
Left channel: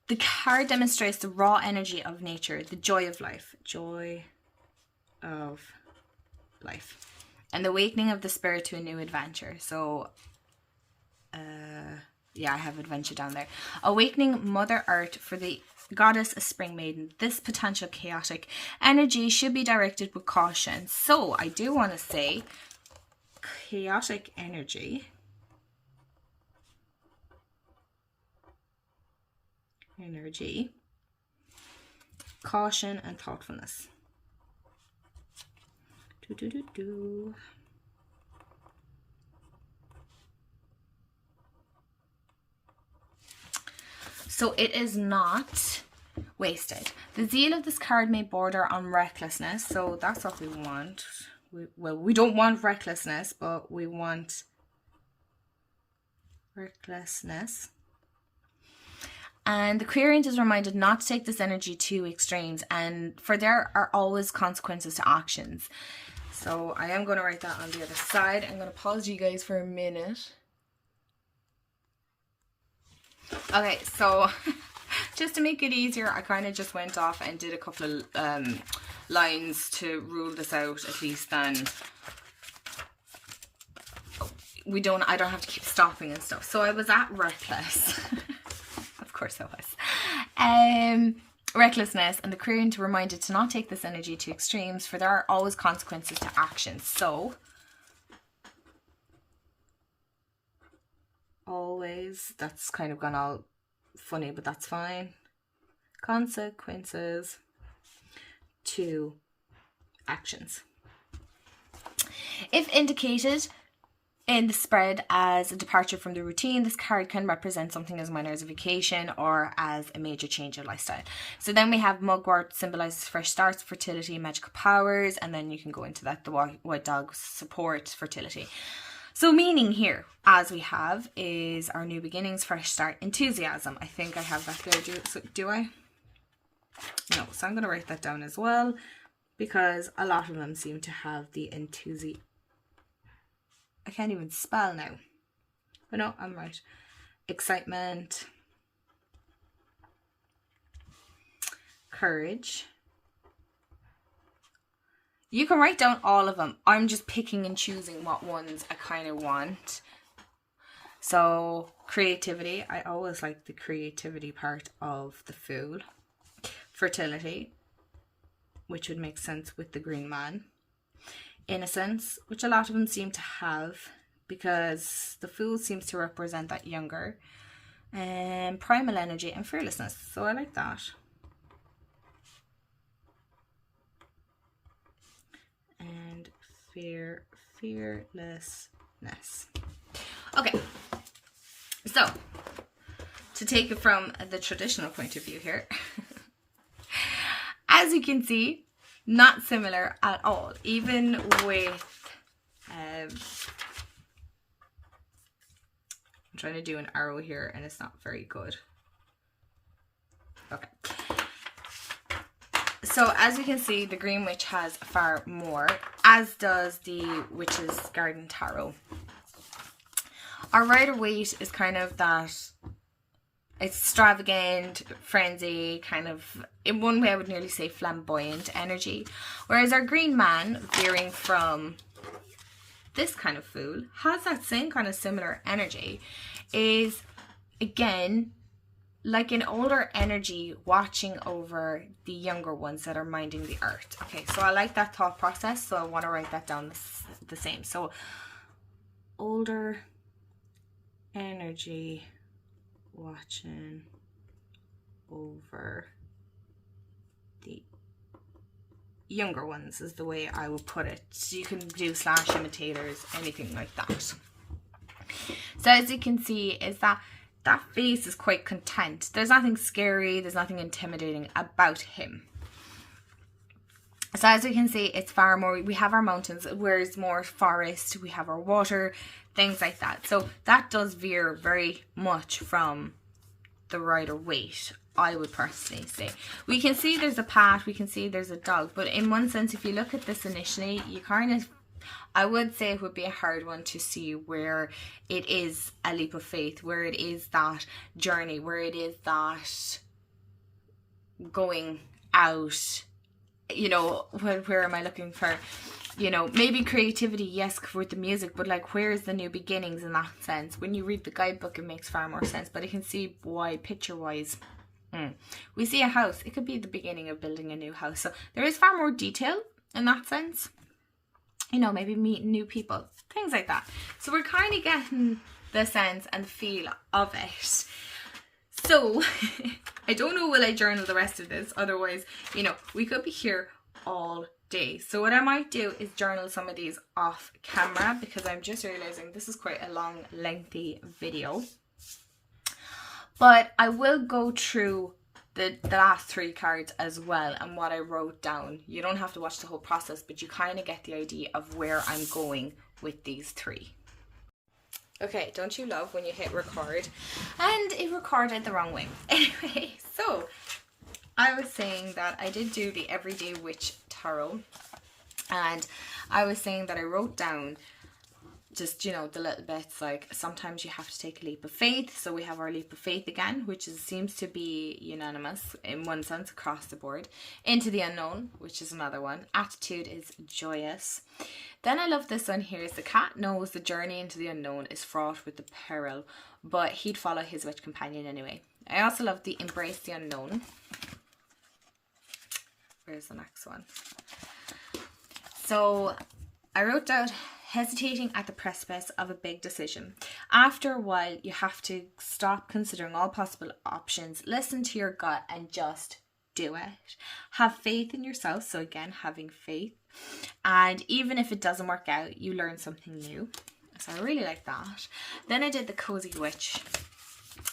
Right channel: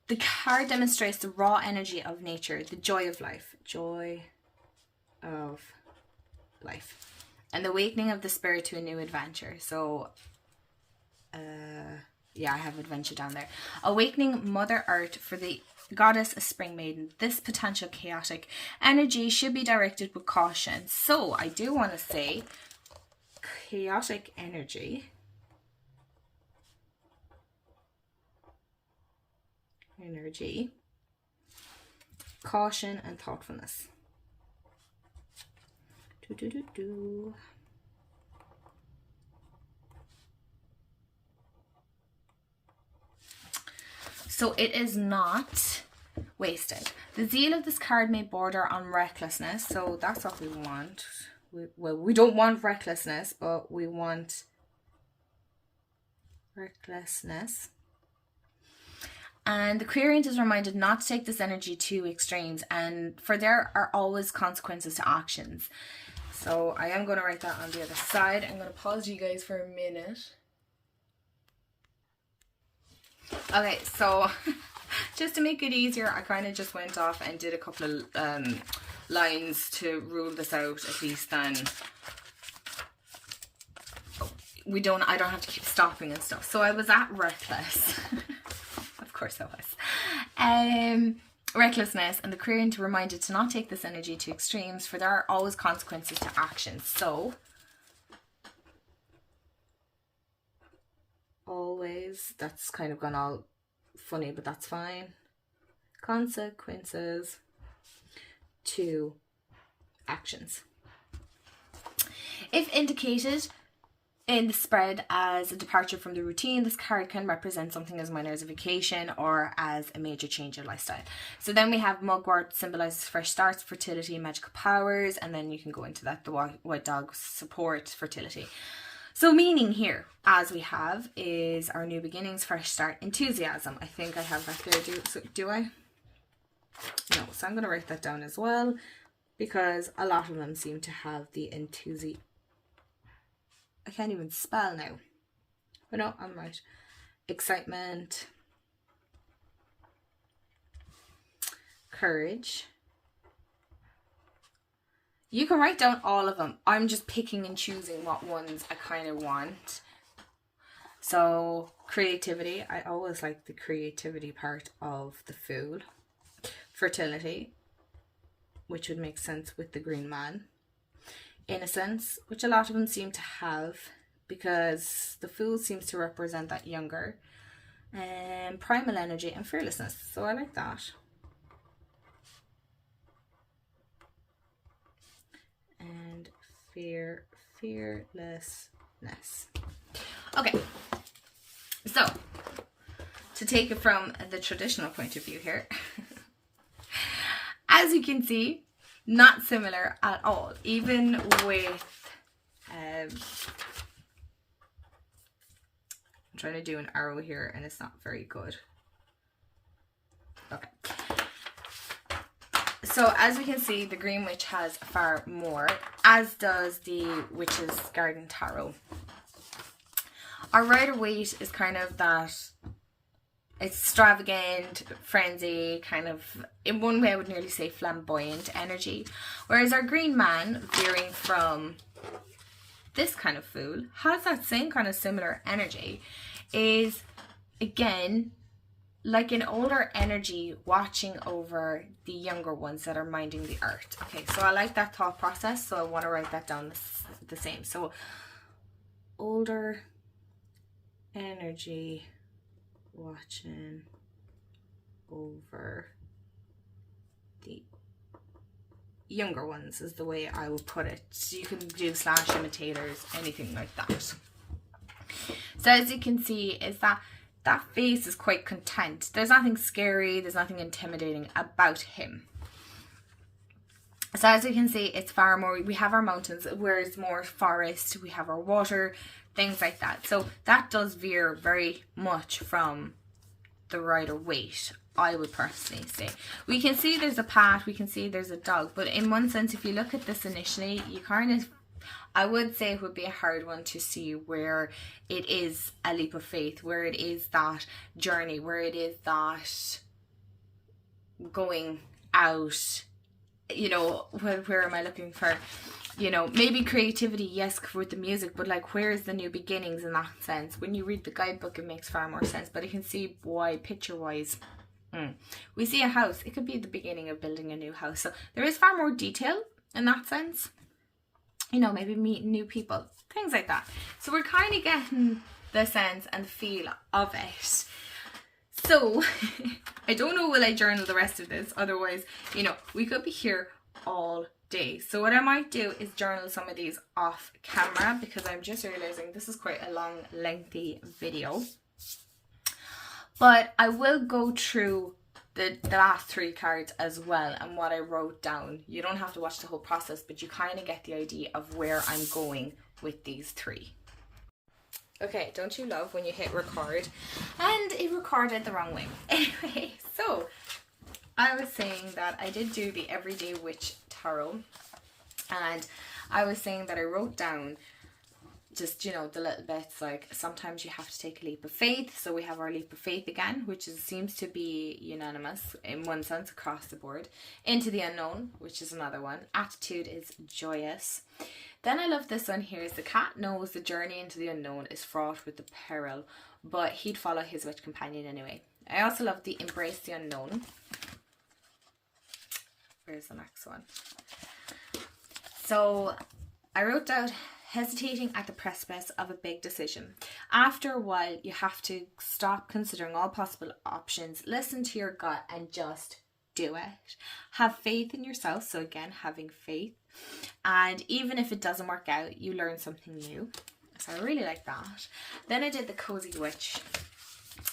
The card demonstrates the raw energy of nature, the joy of life. Joy of life. And the awakening of the spirit to a new adventure. So, yeah, I have adventure down there. Awakening Mother Earth for the goddess a spring maiden. This potential chaotic energy should be directed with caution. So, I do want to say chaotic energy. Caution and thoughtfulness. So it is not wasted. The zeal of this card may border on recklessness, so that's what we want. We don't want recklessness, but we want recklessness. And the querent is reminded not to take this energy to extremes, and for there are always consequences to actions. So I am going to write that on the other side. I'm going to pause you guys for a minute. Okay, so just to make it easier, I kind of just went off and did a couple of lines to rule this out, at least then I don't have to keep stopping and stuff. So I was at reckless. Of course I was. Recklessness, and the querent reminded to not take this energy to extremes, for there are always consequences to actions. So always, that's kind of gone all funny, but that's fine. Consequences to actions. If indicated in the spread as a departure from the routine, this card can represent something as minor as a vacation or as a major change of lifestyle. So then we have mugwort, symbolizes fresh starts, fertility, magical powers, and then you can go into that, the white dog support fertility. So meaning here, as we have, is our new beginnings, fresh start, enthusiasm. I think I have that there, do I? No, so I'm going to write that down as well, because a lot of them seem to have the enthusiasm. I can't even spell now. But no, I'm right. Excitement. Courage. You can write down all of them. I'm just picking and choosing what ones I kind of want. So, creativity. I always like the creativity part of the fool. Fertility, which would make sense with the green man. Innocence, which a lot of them seem to have, because the fool seems to represent that younger. And primal energy and fearlessness. So I like that. And fearlessness. Okay. So, to take it from the traditional point of view here, as you can see, not similar at all, even with I'm trying to do an arrow here and it's not very good. Okay. So as we can see, the Green Witch has far more, as does the Witch's Garden Tarot. Our Rider-Waite is kind of that extravagant, frenzy, kind of, in one way I would nearly say flamboyant energy. Whereas our Green Man, veering from this kind of fool, has that same kind of similar energy, is again like an older energy watching over the younger ones that are minding the earth. Okay, so I like that thought process, so I want to write that down the same. So older energy watching over the younger ones is the way I would put it. So you can do slash imitators, anything like that. So as you can see, is that face is quite content. There's nothing scary, there's nothing intimidating about him. So as you can see, it's far more, we have our mountains, whereas more forest, we have our water, things like that. So that does veer very much from the Rider-Waite, I would personally say. We can see there's a path, we can see there's a dog, but in one sense, if you look at this initially, you kind of, I would say it would be a hard one to see where it is a leap of faith, where it is that journey, where it is that going out, you know, where am I looking for, you know, maybe creativity, yes, with the music, but like where's the new beginnings in that sense? When you read the guidebook, it makes far more sense, but I can see why picture-wise. We see a house, it could be the beginning of building a new house, so there is far more detail in that sense. You know, maybe meeting new people, things like that. So we're kind of getting the sense and the feel of it. So I don't know, will I journal the rest of this? Otherwise, you know, we could be here all day. So what I might do is journal some of these off camera, because I'm just realizing this is quite a long, lengthy video. But I will go through the last 3 cards as well and what I wrote down. You don't have to watch the whole process, but you kind of get the idea of where I'm going with these 3. Okay, don't you love when you hit record and it recorded the wrong way? Anyway, so I was saying that I did do the Everyday Witch Tarot, and I was saying that I wrote down just, you know, the little bits, like sometimes you have to take a leap of faith. So we have our leap of faith again, which seems to be unanimous in one sense across the board. Into the unknown, which is another one. Attitude is joyous. Then I love this one here, is the cat knows the journey into the unknown is fraught with the peril, but he'd follow his witch companion anyway. I also love the embrace the unknown. Where's the next one? So I wrote down hesitating at the precipice of a big decision. After a while, you have to stop considering all possible options, listen to your gut and just do it. Have faith in yourself. So again, having faith. And even if it doesn't work out, you learn something new. So I really like that. Then I did the Cozy Witch.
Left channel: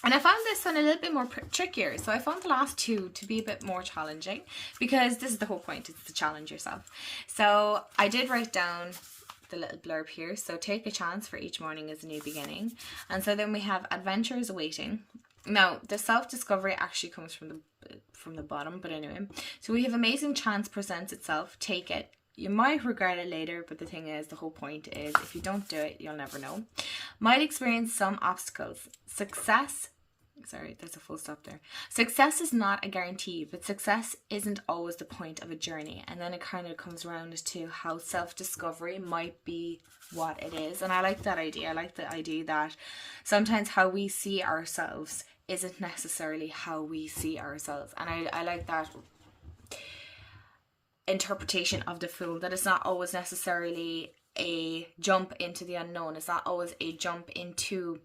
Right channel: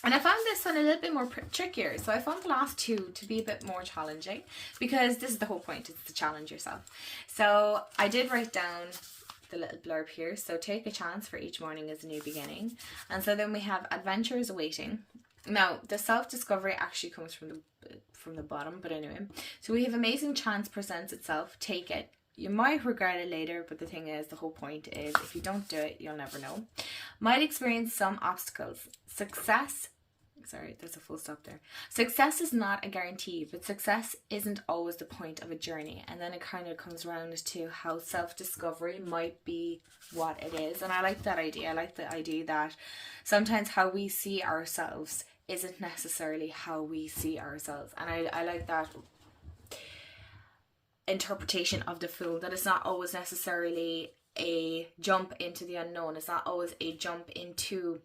And I found this one a little bit more trickier. So I found the last 2 to be a bit more challenging, because this is the whole point, it's to challenge yourself. So I did write down the little blurb here. So take a chance, for each morning is a new beginning. And so then we have adventures awaiting. Now the self-discovery actually comes from the bottom, but anyway. So we have amazing chance presents itself. Take it. You might regret it later, but the thing is, the whole point is, if you don't do it, you'll never know. Might experience some obstacles. Success, sorry, there's a full stop there. Success is not a guarantee, but success isn't always the point of a journey. And then it kind of comes around to how self-discovery might be what it is. And I like that idea. I like the idea that sometimes how we see ourselves isn't necessarily how we see ourselves. And I like that interpretation of the Fool, that it's not always necessarily a jump into the unknown. It's not always a jump into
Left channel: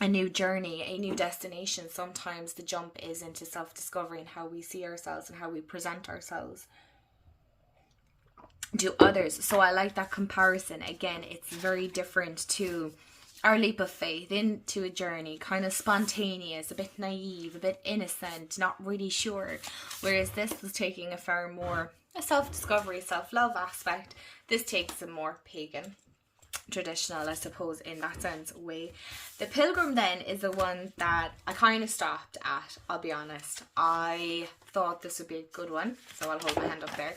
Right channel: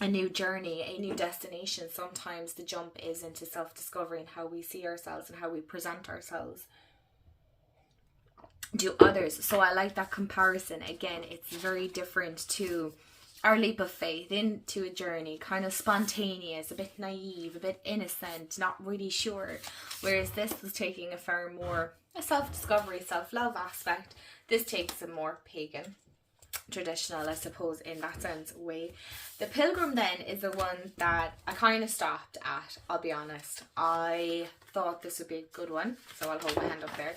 a new journey, a new destination. Sometimes the jump is into self-discovery and how we see ourselves and how we present ourselves to others. So I like that comparison. Again, it's very different to our leap of faith into a journey, kind of spontaneous, a bit naive, a bit innocent, not really sure. Whereas this was taking a far more a self-discovery, self-love aspect. This takes a more pagan. traditional, I suppose, in that sense way. The pilgrim then is the one that I kind of stopped at, I'll be honest. I thought this would be a good one, so I'll hold my hand up there.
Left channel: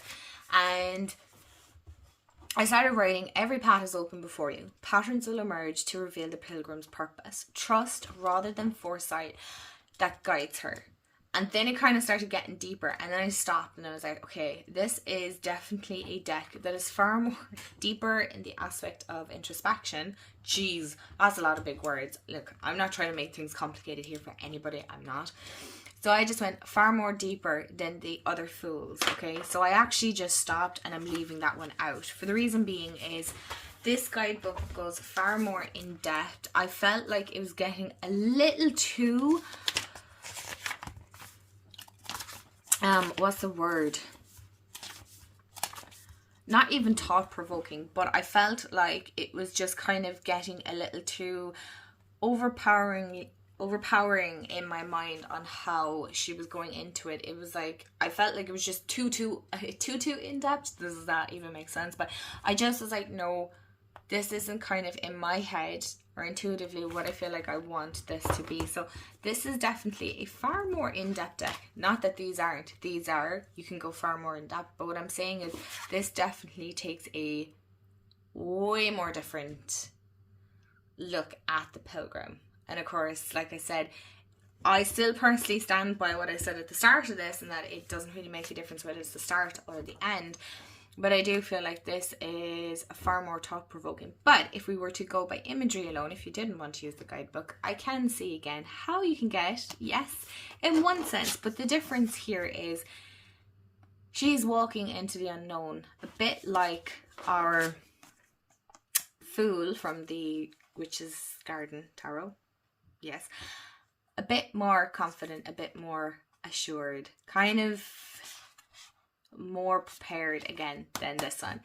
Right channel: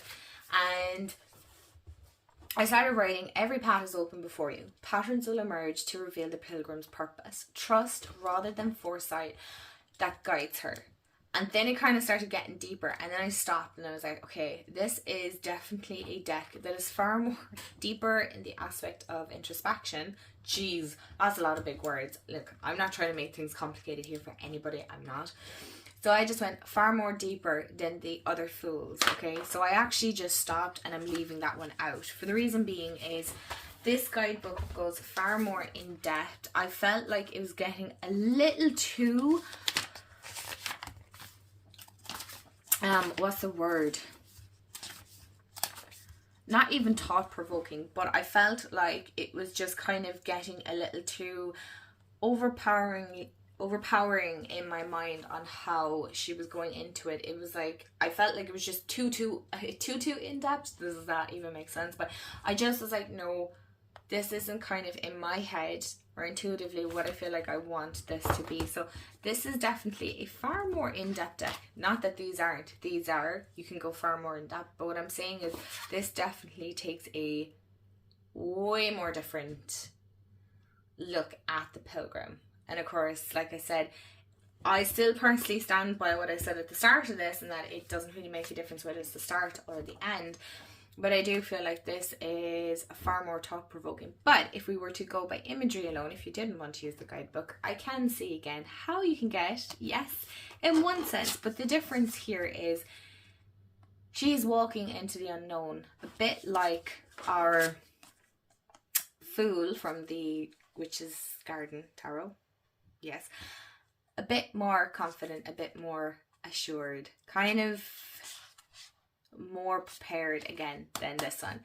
And I started writing, every path is open before you. Patterns will emerge to reveal the pilgrim's purpose. Trust rather than foresight that guides her. And then it kind of started getting deeper, and then I stopped and I was like, okay, this is definitely a deck that is far more deeper in the aspect of introspection. Jeez, that's a lot of big words. Look, I'm not trying to make things complicated here for anybody, I'm not. So I just went far more deeper than the other fools, okay? So I actually just stopped and I'm leaving that one out. For the reason being is this guidebook goes far more in depth. I felt like it was getting a little too... what's the word? Not even thought-provoking, but I felt like it was just kind of getting a little too overpowering in my mind on how she was going into it. It was like, I felt like it was just too in-depth. Does that even make sense? But I just was like, no, this isn't kind of in my head or intuitively what I feel like I want this to be. So this is definitely a far more in-depth deck. Not that these aren't. These are. You can go far more in-depth. But what I'm saying is this definitely takes a way more different look at the pilgrim. And of course, like I said, I still personally stand by what I said at the start of this, and that it doesn't really make a difference whether it's the start or the end. But I do feel like this is far more thought-provoking. But if we were to go by imagery alone, if you didn't want to use the guidebook, I can see again how you can get, yes, in one sense. But the difference here is she's walking into the unknown. A bit like our fool from the Witch's Garden Tarot. Yes. A bit more confident, a bit more assured. Kind of more prepared again than this one.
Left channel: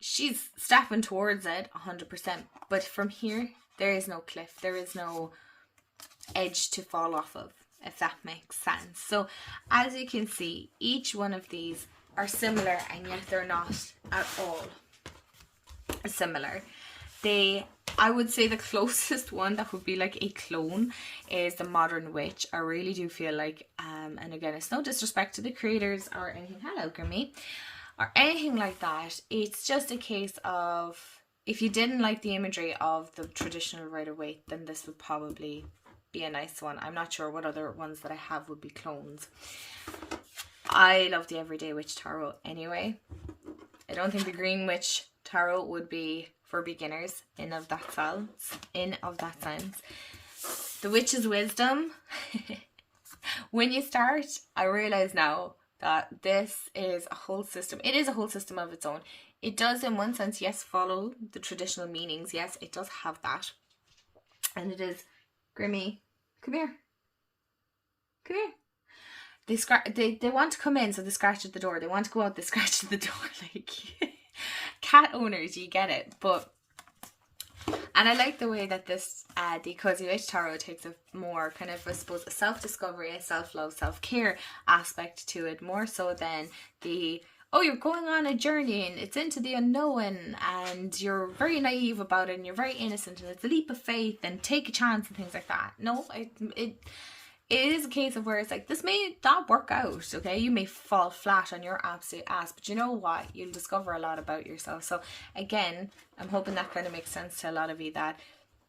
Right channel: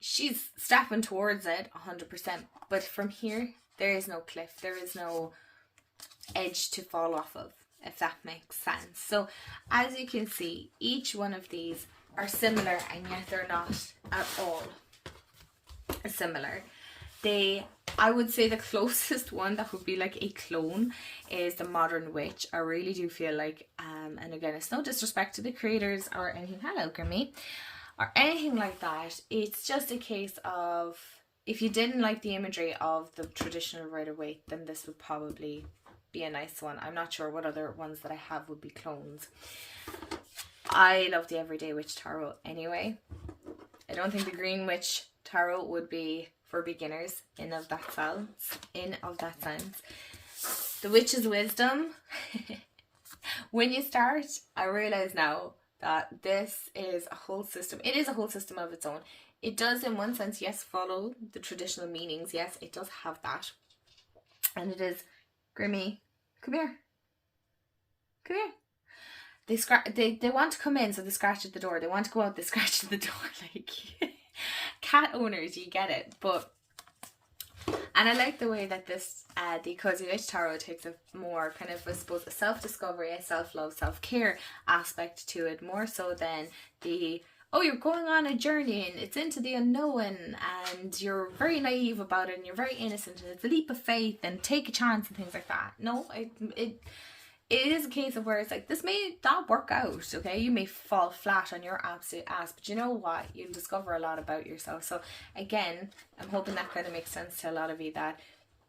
She's stepping towards it 100%, but from here there is no cliff, there is no edge to fall off of, if that makes sense. So as you can see, each one of these are similar, and yet they're not at all similar. I would say the closest one that would be like a clone is the Modern Witch. I really do feel like, and again, it's no disrespect to the creators or anything, hello Grimmy, or anything like that. It's just a case of, if you didn't like the imagery of the traditional Rider-Waite, then this would probably be a nice one. I'm not sure what other ones that I have would be clones. I love the Everyday Witch Tarot anyway. I don't think the Green Witch Tarot would be for beginners in of that sense. The Witch's Wisdom. When you start, I realize now that this is a whole system. It is a whole system of its own. It does, in one sense, yes, follow the traditional meanings. Yes, it does have that. And it is, Grimmy, come here. Come here. They want to come in, so they scratch at the door. They want to go out, they scratch at the door. Like, cat owners, you get it. But, and I like the way that this, the Cozy Witch Tarot takes a more kind of, I suppose, a self-discovery, a self-love, self-care aspect to it, more so than the, oh, you're going on a journey and it's into the unknown and you're very naive about it and you're very innocent and it's a leap of faith and take a chance and things like that. No, it is a case of where it's like, this may not work out, okay? You may fall flat on your absolute ass, but you know what? You'll discover a lot about yourself. So again, I'm hoping that kind of makes sense to a lot of you, that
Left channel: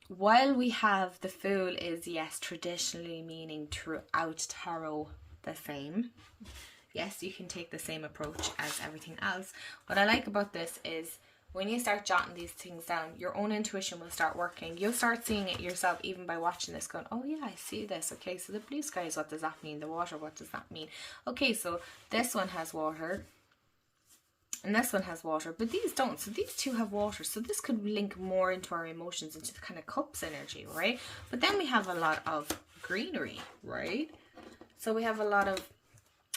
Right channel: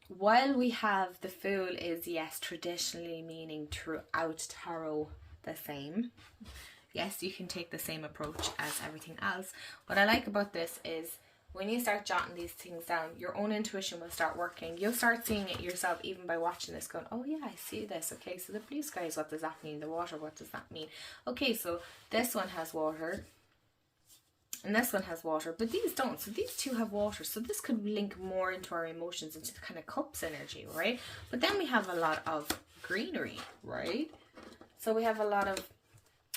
while we have the Fool is, yes, traditionally meaning throughout tarot the same. Yes, you can take the same approach as everything else. What I like about this is when you start jotting these things down, your own intuition will start working. You'll start seeing it yourself even by watching this, going, oh yeah, I see this. Okay, so the blue skies, what does that mean? The water, what does that mean? Okay, so this one has water and this one has water, but these don't. So these two have water. So this could link more into our emotions, into the kind of cups energy, right? But then we have a lot of greenery, right? So we have a lot of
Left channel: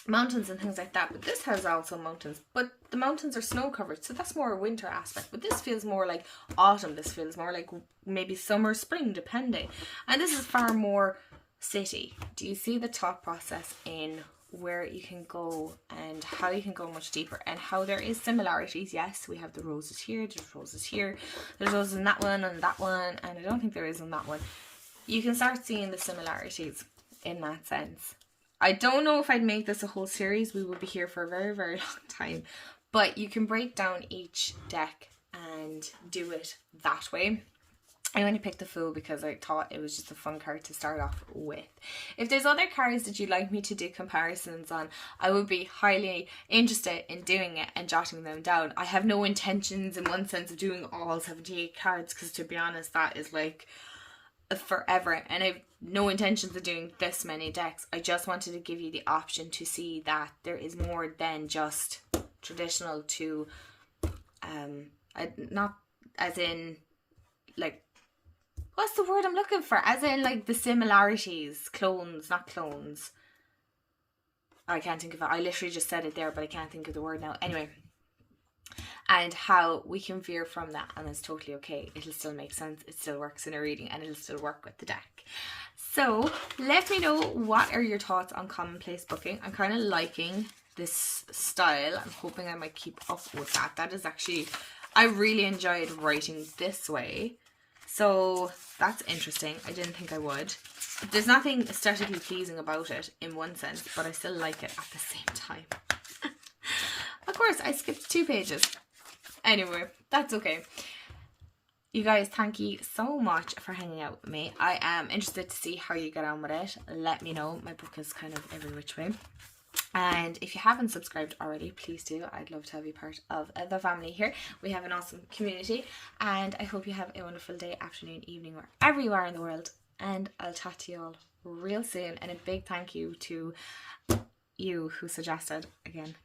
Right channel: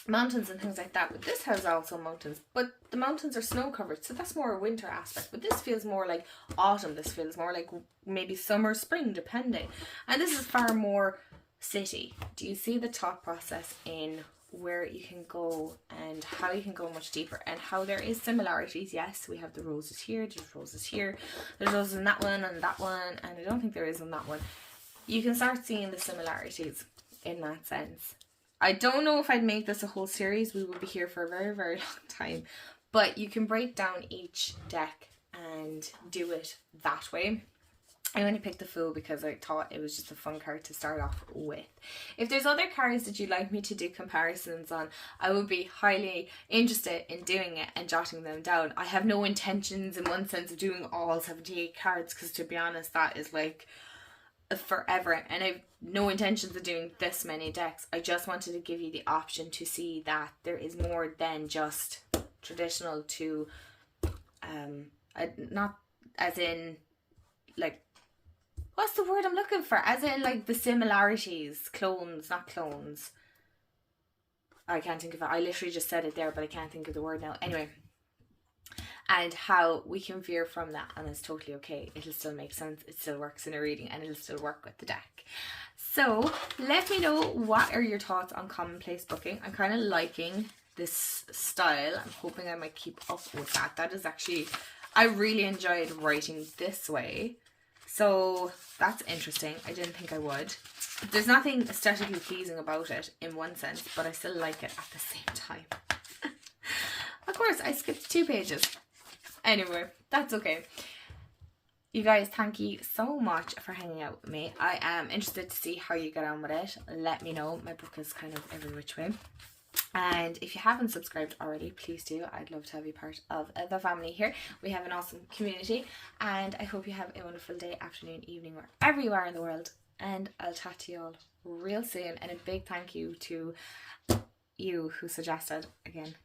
mountains and things like that, but this has also mountains, but the mountains are snow covered, so that's more a winter aspect. But this feels more like autumn, this feels more like maybe summer, spring, depending. And this is far more city. Do you see the thought process in where you can go and how you can go much deeper, and how there is similarities. Yes, we have the roses here, there's roses here, there's roses in that one and that one, and I don't think there is in that one. You can start seeing the similarities in that sense. I don't know if I'd make this a whole series. We will be here for a very, very long time. But you can break down each deck and do it that way. I only picked the Fool because I thought it was just a fun card to start off with. If there's other cards that you'd like me to do comparisons on, I would be highly interested in doing it and jotting them down. I have no intentions in one sense of doing all 78 cards, because to be honest, that is like forever, and I've no intentions of doing this many decks. I just wanted to give you the option to see that there is more than just traditional to not as in like, what's the word I'm looking for, as in like the similarities, clones, not clones. I can't think of it. I literally just said it there, but I can't think of the word now. Anyway, and how we can veer from that, and it's totally okay. It'll still make sense, it still works in a reading, and it'll still work with the deck. So let me know, what are your thoughts on Commonplace booking? I'm kind of liking this style. I'm hoping I might keep up with that. That is actually, I really enjoyed writing this way, so that's interesting. I didn't think I would. There's nothing aesthetically pleasing about it in one sense, but I still like it at the same time. Of course, I skipped 2 pages. Anyway, that's okay. You guys, thank you so much for hanging out with me. I am interested to see how you get on with it. Let me know. My book is kind of every which way. And if you haven't subscribed already, please do. I'd love to have you part of the family here. We have an awesome community, and I hope you have a wonderful day, afternoon, evening, wherever you are in the world. And I'll chat to you all real soon. And a big thank you to you who suggested, again,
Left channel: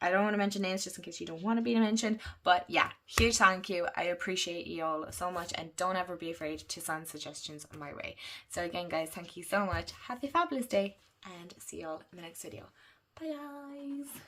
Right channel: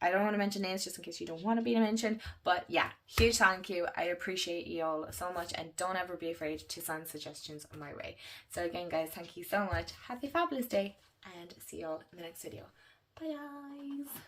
I don't want to mention names just in case you don't want to be mentioned, but yeah, huge thank you. I appreciate you all so much, and don't ever be afraid to send suggestions my way. So again, guys, thank you so much. Have a fabulous day, and see you all in the next video. Bye guys.